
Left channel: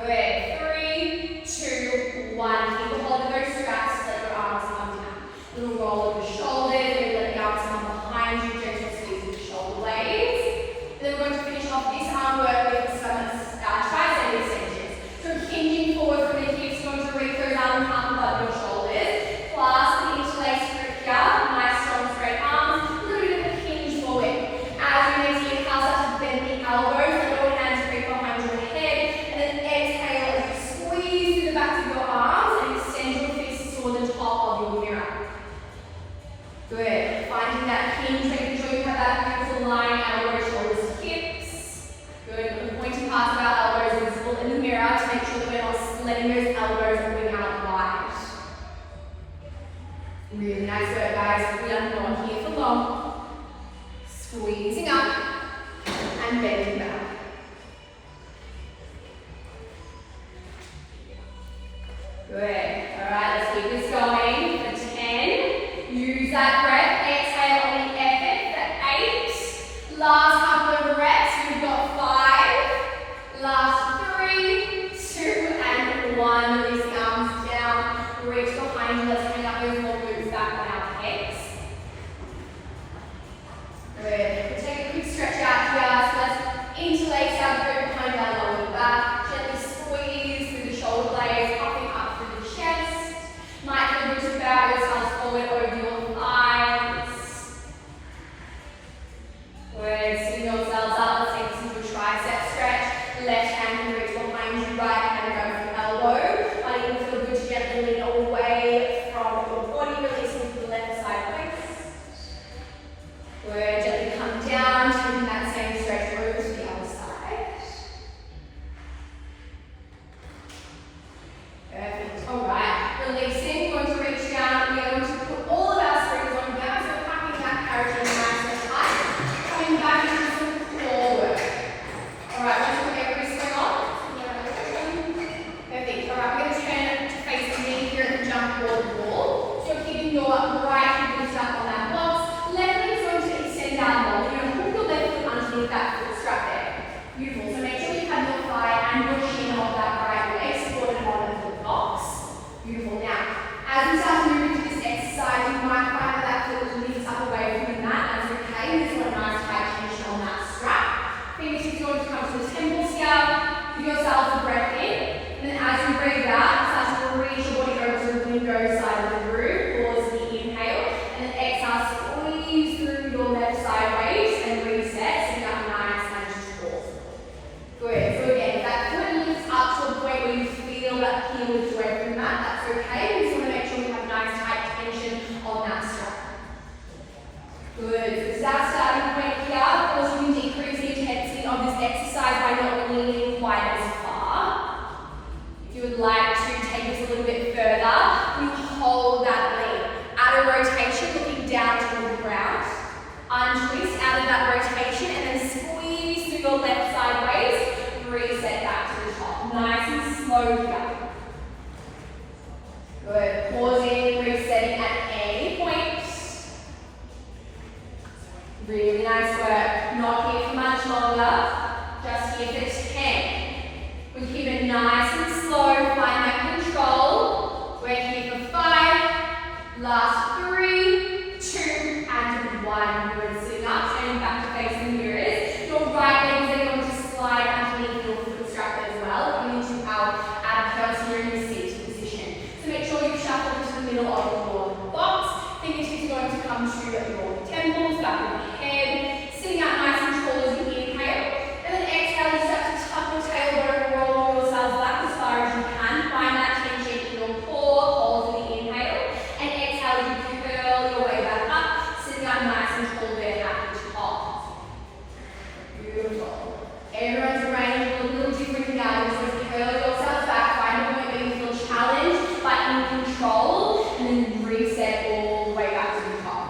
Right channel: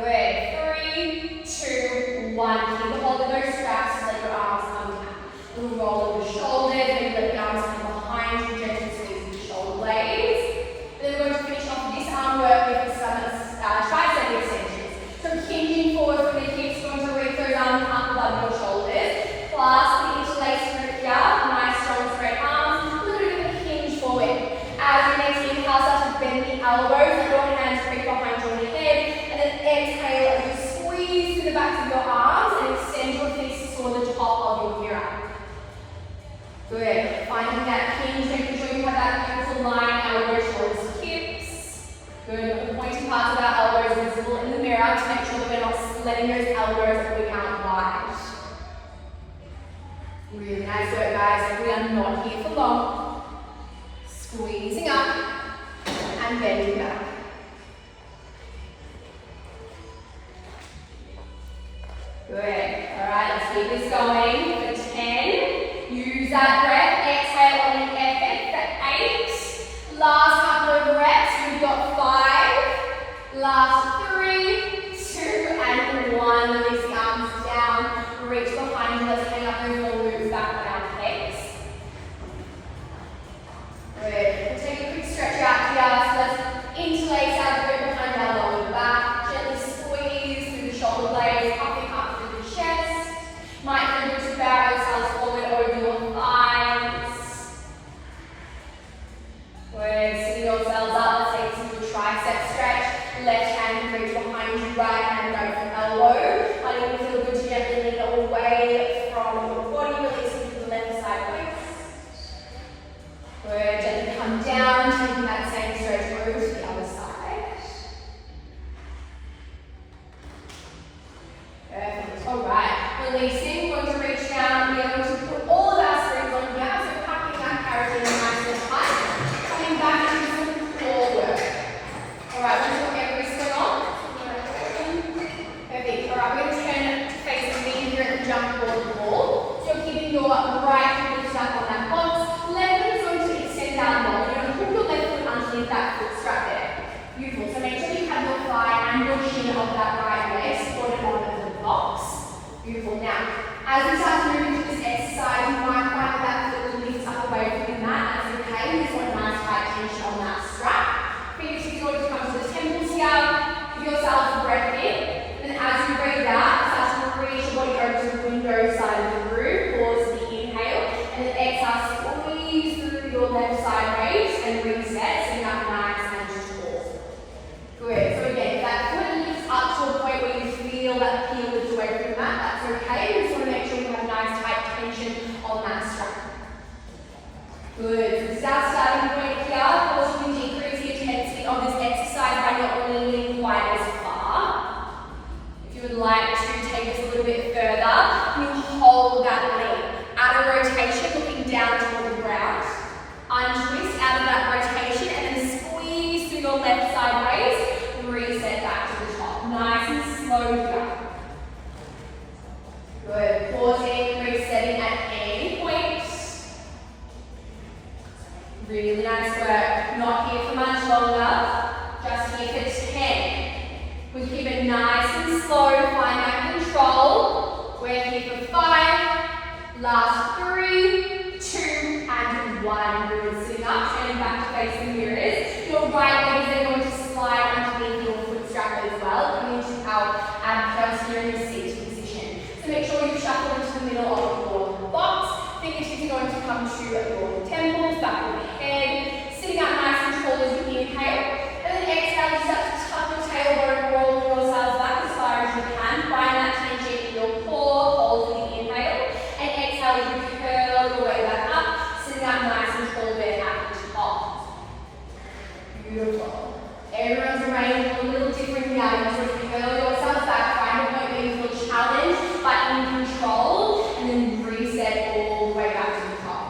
Good. 3, 2, 1. Keep a hold of those straps. Just let your arms come down. And we'll roll over the shoulders. Maybe let the arms come behind you. Gently squeeze the shoulder blades. Then we're going to finish off this arm work with some tricep extensions. So hinging forward from the hips, going to reach those arms up above your shoulders. Clasp the interlace grip here. Nice strong straight arms. A little bit of a hinge forward. As you next inhale, start to bend the elbows. Let your hands reach behind your head. And then exhale as you squeeze through the backs of your arms and extend your fists toward the top of your mirror. Good. Finding that hinge, making sure you have that little line elbows, shoulders, hips. Good. The pointy parts of our elbows visible in the mirror to make sure that we're not letting those elbows moving out wide. Really nice work, guys. We are not here for long. Squeezing up and bending back. Good. Alright, let's keep this going for 10. Use that breath. Exhale on the effort for 8. Last couple of reps. We've got 5. Last 3, 2, and 1. Release the arms down. Reach behind you. Let's hang up those forward back on our hips. Good. We'll take a quick stretch out here. So let's interlace our grip behind our lower back. Gently squeeze through the shoulder blades, popping up through the chest. Might feel good to bow yourselves forward over your thighs. Good. Sitting yourselves up. Let's take some good tricep stretch. Left hand can reach behind you. Right hand grab your elbow. I want to feel good to gently lean away from your body, releasing to the left side waist. Good. Gently come down, taking that same stretch over to the other side. Perfect. Alright. Releasing. We're going to reach down. We are going to put all of our springs on down. So packing that carriage in nice and tight. Coming back into some core work. Alright, let's put every spring on. Perfect. Alright, we're going to turn to face me here and jump forward the wall. So you're keeping your right foot lifted up on that box. Left foot is going to extend out more. You're going to hook your left foot underneath that foot strap there. Beautiful. So make sure you have your thigh and your shin of that right leg supported on the box. Beautiful. Now, as we start to move into this exercise, you might find that foot lifts up away from the mat. That's okay. We just want a nice tight tension on that strap. Fingertips are going to come to the temples here. Give yourself a breath in. And as you breathe out, start to reach your body over to the window side of the room. Pause the inhale. And then exhale, squeeze through your left side waist and reset. So you have a nice and tall. Good. So again, if that foot lifts up to a point where you feel that heel lift away from that, that's okay. We just want to make sure you have a nice tight tension on that strap. Good. So this is our starting point here. Of course, you can decrease the intensity of this exercise by not leaning quite as far. If you would like to take this a little bit further, you hold that lean. Out of rotation, looking down toward the ground. Untwist out of that rotation and then squeeze through your left sideways. Reset back to the top. Nice and slow here. Good. Pausing, resetting at any point. Really nice work. Not here for much longer. Just here for 10. We keep it nice and slow. Find that control. We're here for 5. Last 3, 2, and 1. Good. Sitting up, turning back to face the mirrors. Your right leg is going to slide underneath your foot strap as well, coming into our ab counter in the seated position. So make sure you shuffle into the middle of your box. Fingertips are going to come to your temples, back of the head. Sitting up nice and tall as you inhale. And then exhale, you start to tuck your tailbone, roll yourself back as far as you can. Find that tension in your core, hold for the inhale. And exhale, you curl your way back up. Sitting up nice and tall there at the top. Beautiful. Everyone's arranged a little different now. You just curl yourself back, find a point where you feel challenged but in control, and then reset all the way back to the top.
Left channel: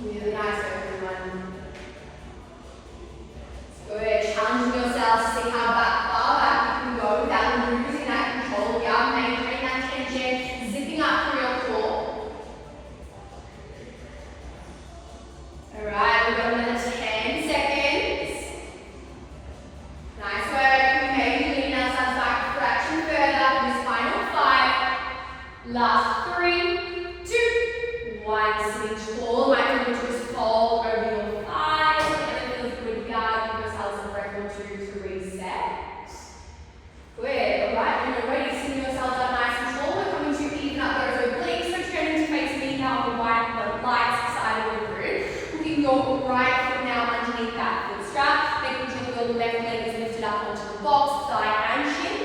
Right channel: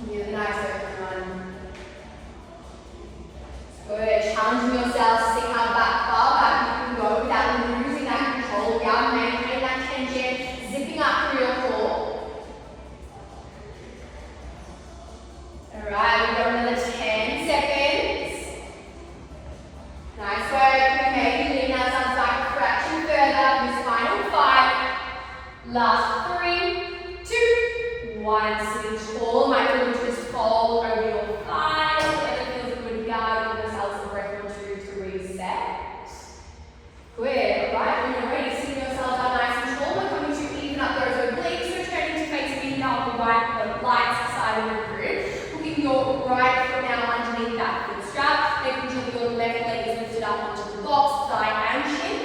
Really nice, everyone. Good. Challenging yourself, see how far back you can go without losing that control. We are maintaining that tension, zipping up through your core. Alright, we've got another 10 seconds. Nice work. Maybe lean ourselves back, fraction further for this final 5. Last 3, 2, 1. Sitting tall. Might feel just fold over your thighs. And it feels good here. Give yourselves a breath or 2 to reset. Good. Alright, when you're ready, sitting yourselves up nice and tall. We're coming to even up those obliques. So turning to face me now, the right side of the room. Looking your right foot now underneath that foot strap. Making sure that your left leg is lifted up onto the box, thigh and shin.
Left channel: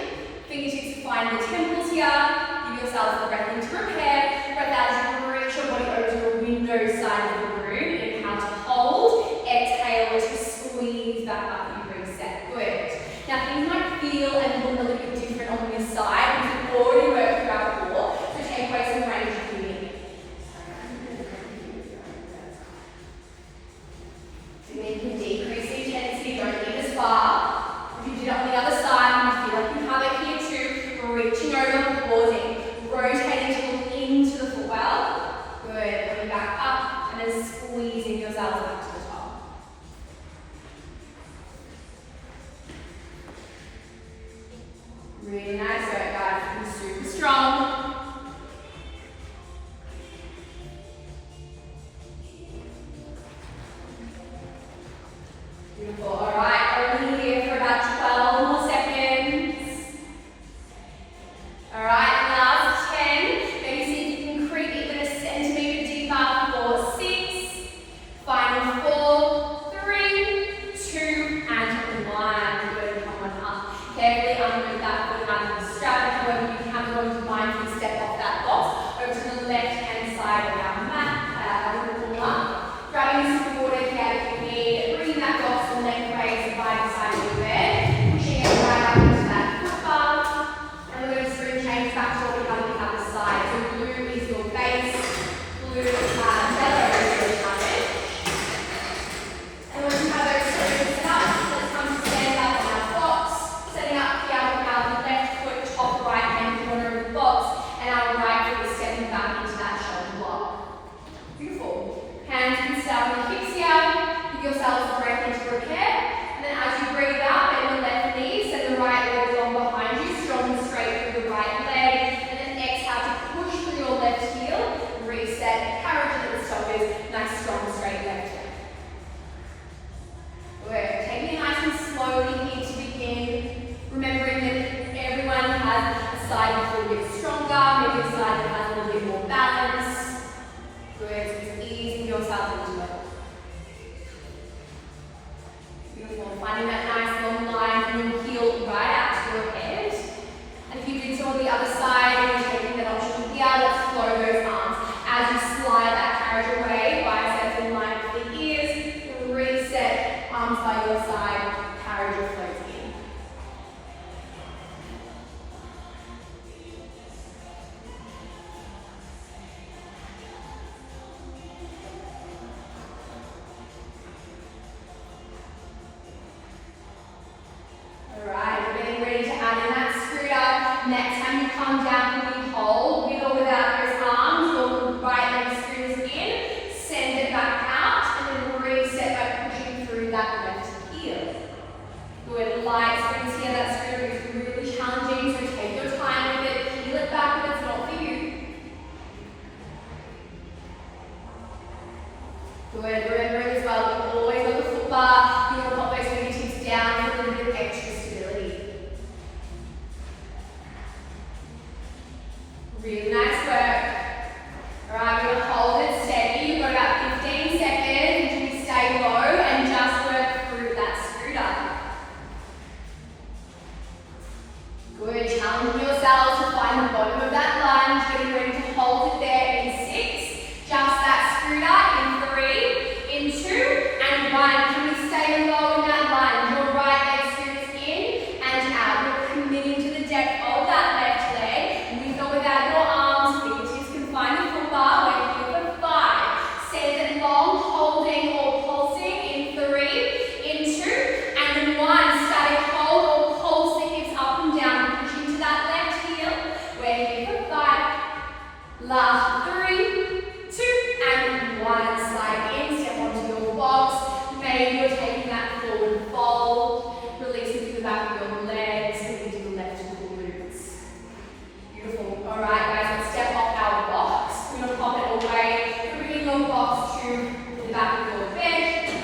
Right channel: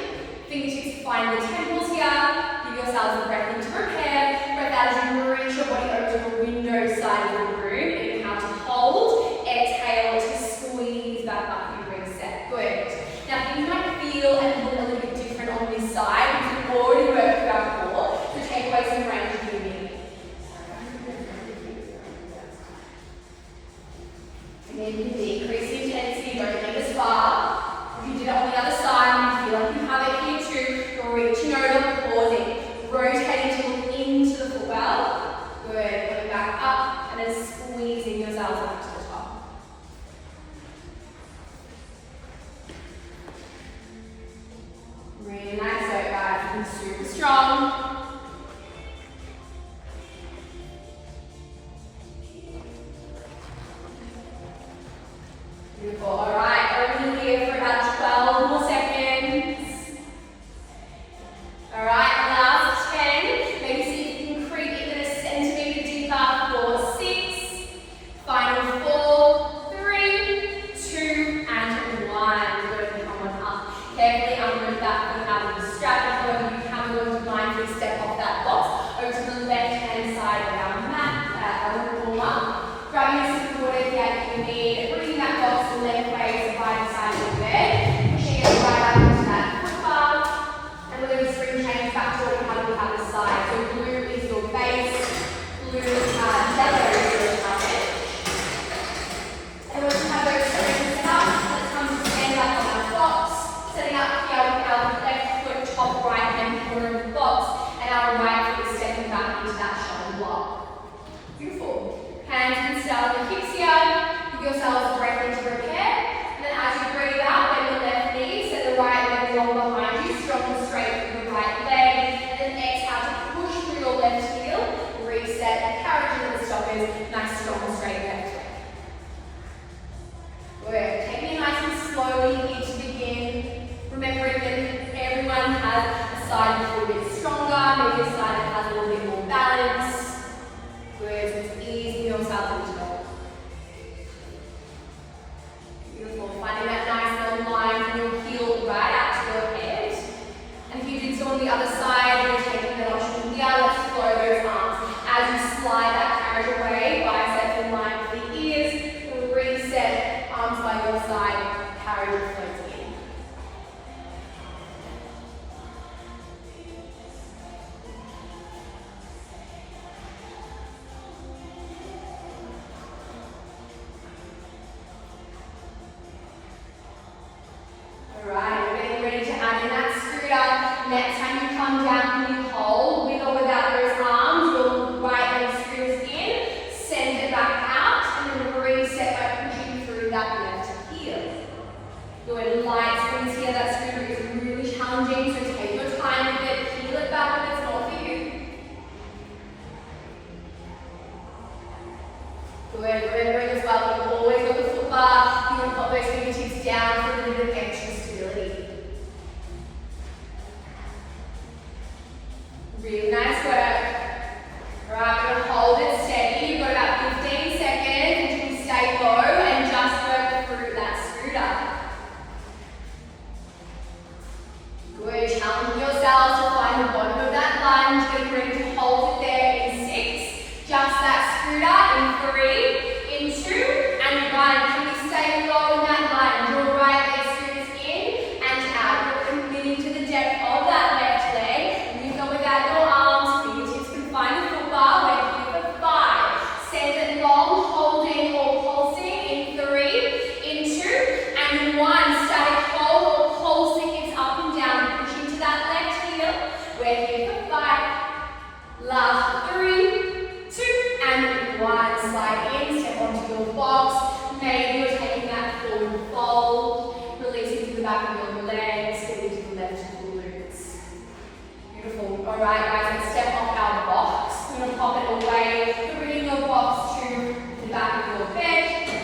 Fingertips find the temples here. Give yourselves a breath into repair. Breath out as you reach your body over to the window side of the room. Inhale to hold. Exhale to squeeze back up and reset. Good. Now things might feel and look a little bit different on this side because we've already worked through our core. So take away some range of movement. Then you can decrease the intensity, don't lean as far. If you do it on the other side, you feel like you have it here too. Reaching over, pausing, rotating to look into the footwell. Good. Coming back up and then squeezing yourselves back to the top. Really nice work, guys. Looking super strong. Beautiful. All right, over here for about 12 more seconds. All right, last 10. Maybe see if you can creep it a centimetre deeper for 6. Final 4, 3, 2, and 1. Good. Come on up. Carefully unroot that foot out of the strap. However, you can go to mindfully step off that box over to the left-hand side of our mat, our corner. Grabbing a support if you need, bringing that box and lengthways by the side of the bed, pushing it right up into that foot bar, and we're going to spring change back to what we have on the other side. So blue is your base, blue is yellow is your challenge. And once you have those springs set up, let's come to stand up on our box, setting up here with our left foot top right hand corner of the box, and our right foot is stepping back into that shoulder block. Beautiful. Hands can start on the hips here. Give yourselves a breath into repair. And then as you breathe out, bend the left knee, set the right leg along behind you, strong and straight through the right leg. And then exhale to push through your left heel. Reset, carriage into the stoppers. Nice, strong and straight left leg. Good. Taking it nice and slowly here to begin. Remembering that everyone has a side that's a little bit stronger, maybe a side that has a little bit more balance. Good, so just easing yourself into it. Beautiful. Beautiful. Finding that nice long line from your heel right out to your head. And if you did so on the other side, and you're taking that option here, let's flow those arms. As you slide that carriage away, biceps in line with the ears, reset, arms by your side, carriage floats in. Alright, we're getting ready to add in that scooter. Next time you come down, can you hold with or without those arms? Your right leg screws in, send it back out, and then reset by pushing through that left heel. Good, light swings here. That scooter is really challenging, so take your time with it, peel it back if it's not for you. Good, remembering as well, you've always got the foot bar, you can pop those fingertips down for a little bit of extra stability. Really nice work. Alright, we're going to hold it steady. You've got about 15 seconds until you stay low and just work through that scooter. Good, challenging yourselves to find the bottom of that lunge, getting ready to hold it there in 6. Just that scooter in 3, in 2, and 1. Can we stay low in that lunge? Your right leg scoots in and out. We're committing to the depth of that left leg. With or without your arms, fingertips can find the foot bar. We're here for 5. Send it long, holding or pulsing in 3, in 2, and in 1. Static hold or pulsing. It's up and down. Pushing to that left heel. We're here for 5. Last 3, 2, and 1. Slide in, step onto your box. Maybe you're taking that forward fold. Releasing to the back of your legs, moving to the left glutes. Beautiful. Alright guys, let's step off our box. We're going to pop it away. Bringing your box to the back of your bed.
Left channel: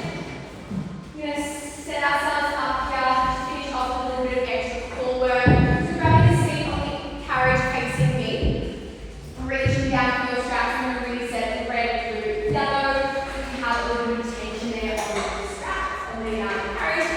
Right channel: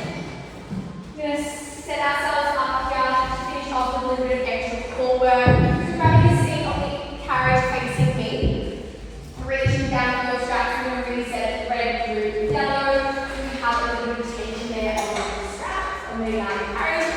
We're going to set ourselves up here, finish off with a little bit of extra core work. So grab your seat on the carriage facing me. Reaching down for your straps, we're going to reset red, blue, yellow. We have a little bit of tension there on the straps. And then our carriage.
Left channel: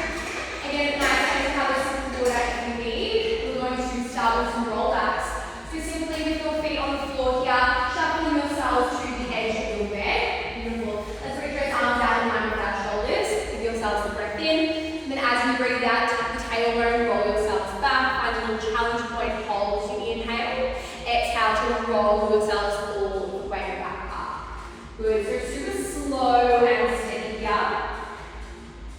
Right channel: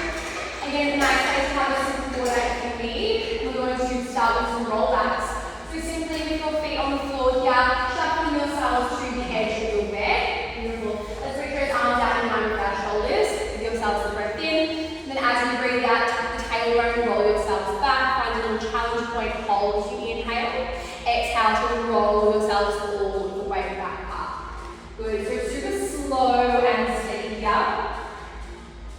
Again, nice to have a simple work if you need. We're going to start with some roll backs. So simply with your feet on the floor here, shuffling yourselves to the edge of your bed. Beautiful. Let's reach those arms out in line with our shoulders. Give yourselves a breath in. And then as you breathe out, tuck the tailbone, roll yourselves back. Find a little challenge point, hold to inhale. Exhale to roll yourselves all the way back up. Good. So super slow and steady here.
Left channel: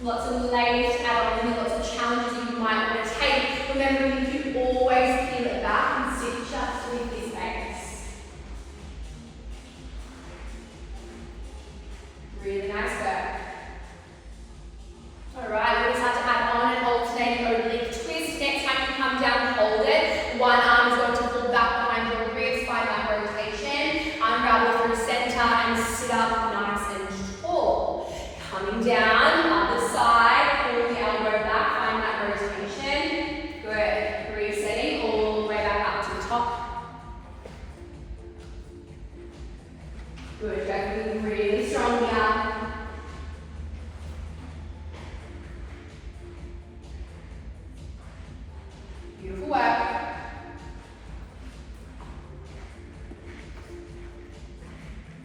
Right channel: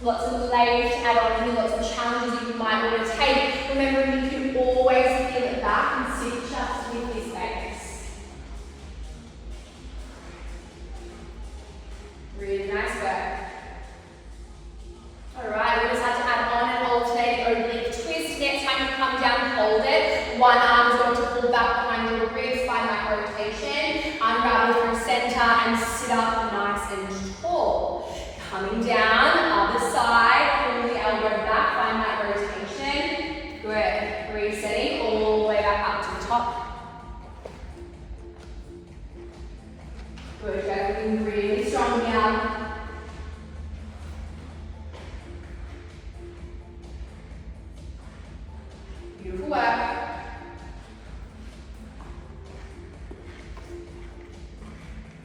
Lots of layers to add on, lots of challenges that you might want to take. Remember, you can always peel it back and sit just with this base. Really nice work. Alright, we just have to add on an alternating oblique twist. Next time you come down, hold it. One arm is going to pull back behind your ribs by my rotation. Unravel through center and sit up nice and tall. Coming down, other side, pull the elbow back, find that rotation. Good. Resetting all the way back up to the top. Good. Going really strong here. Beautiful work.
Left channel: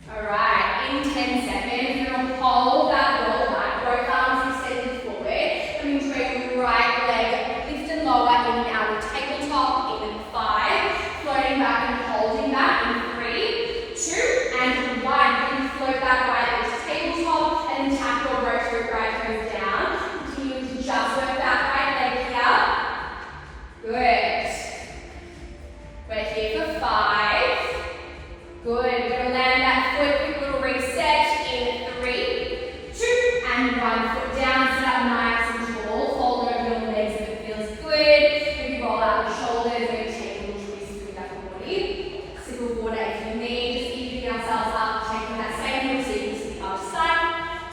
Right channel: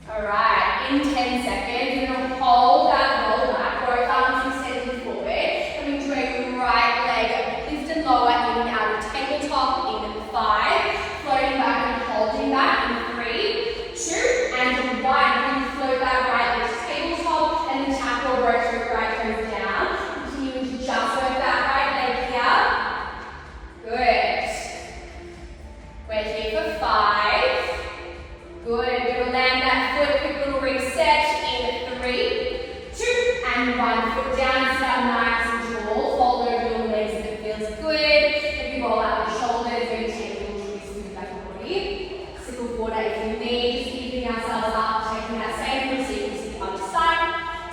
Alright, in 10 seconds, you're going to hold that roll back, both arms extended forward, coming to a right leg, lift and lower, in and out of tabletop, in 5, floating back and holding back in 3, 2, and 1. Then float that right leg to tabletop, and then tap your rotate right toes down, continuing to just work that right leg here. Good. We're here for 5. Good. You're going to land that foot, quick little reset in 3, 2, and 1. Foot down, sit up nice and tall. Fold over your legs if it feels good. Maybe roll out the shoulders, maybe take a little twist through the back of the body. Sip of water if you need. Just keeping ourselves up, taking that same route so you can sit other side.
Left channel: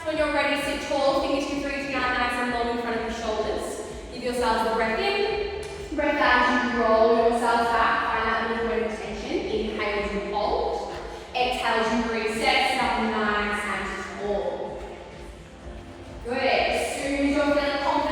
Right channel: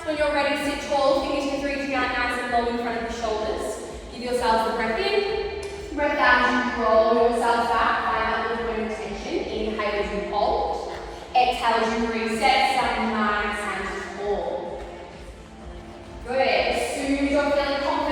So when you're ready, sit tall, fingertips reaching out nice and low in front of the shoulders. Give yourselves a breath in. Breath out as you roll yourself back. Find that little bit of tension. Inhale as you hold. Exhale as you reset, sit up nice and tall. Good. As soon as you're feeling confident,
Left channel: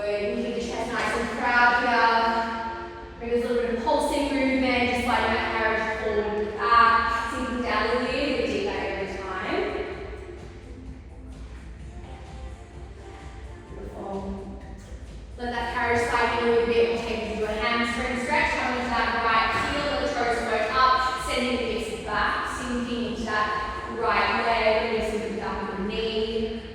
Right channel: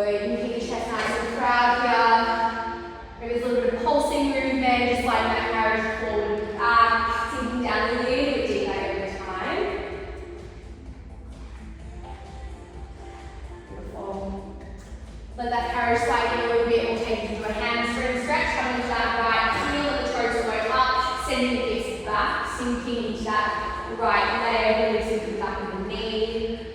Good. You keep the chest nice and proud here. Maybe there's a little bit of pulsing movement, just like that carriage forward and back, sinking down a little bit deeper every time. Beautiful. Let that carriage slide in a little bit. We'll take you to a hamstring stretch. Come into that right heel, let the toes work up, sending the hips back, sinking into that right leg, releasing the back of the knee.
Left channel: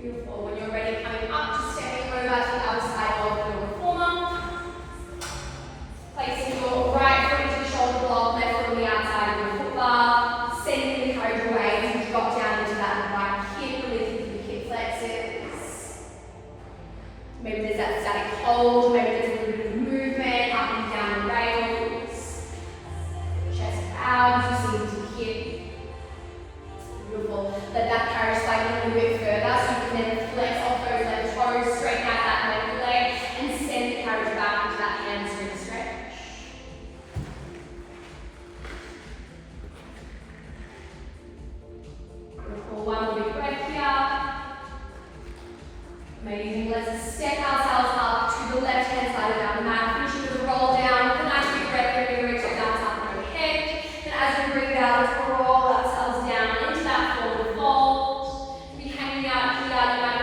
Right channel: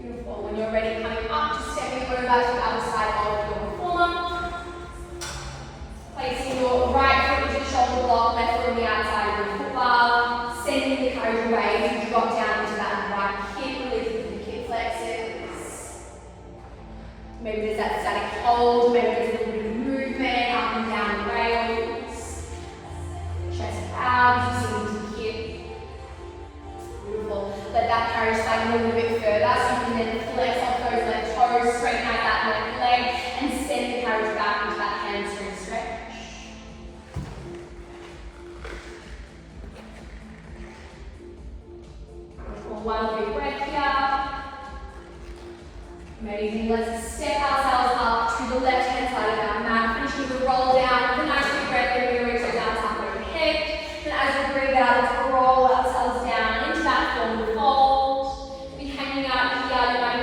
Beautiful. When you're ready, coming up to stepping over to the outside of your reformer. Placing your right foot into the shoulder block, left foot on the outside of your foot bar. Sending the carriage away as you drop down into that right hip, releasing the hip flexors. Maybe there's that static hold, maybe there's a little bit of movement up and down the rails. Chest out, you into the hip. Beautiful. Let that carriage slide in a little bit further so you can then flex off those left toes, straighten out that left leg, and send the carriage back into that hamstring stretch. One big breath here. Amazing. Let's step ourselves up to the left hand side of our mat, finishing with a roll down. With a nice big breath, we're going to reach out top overhead. Then as we breathe out, let's roll ourselves down into that forward fold. We're hanging out here.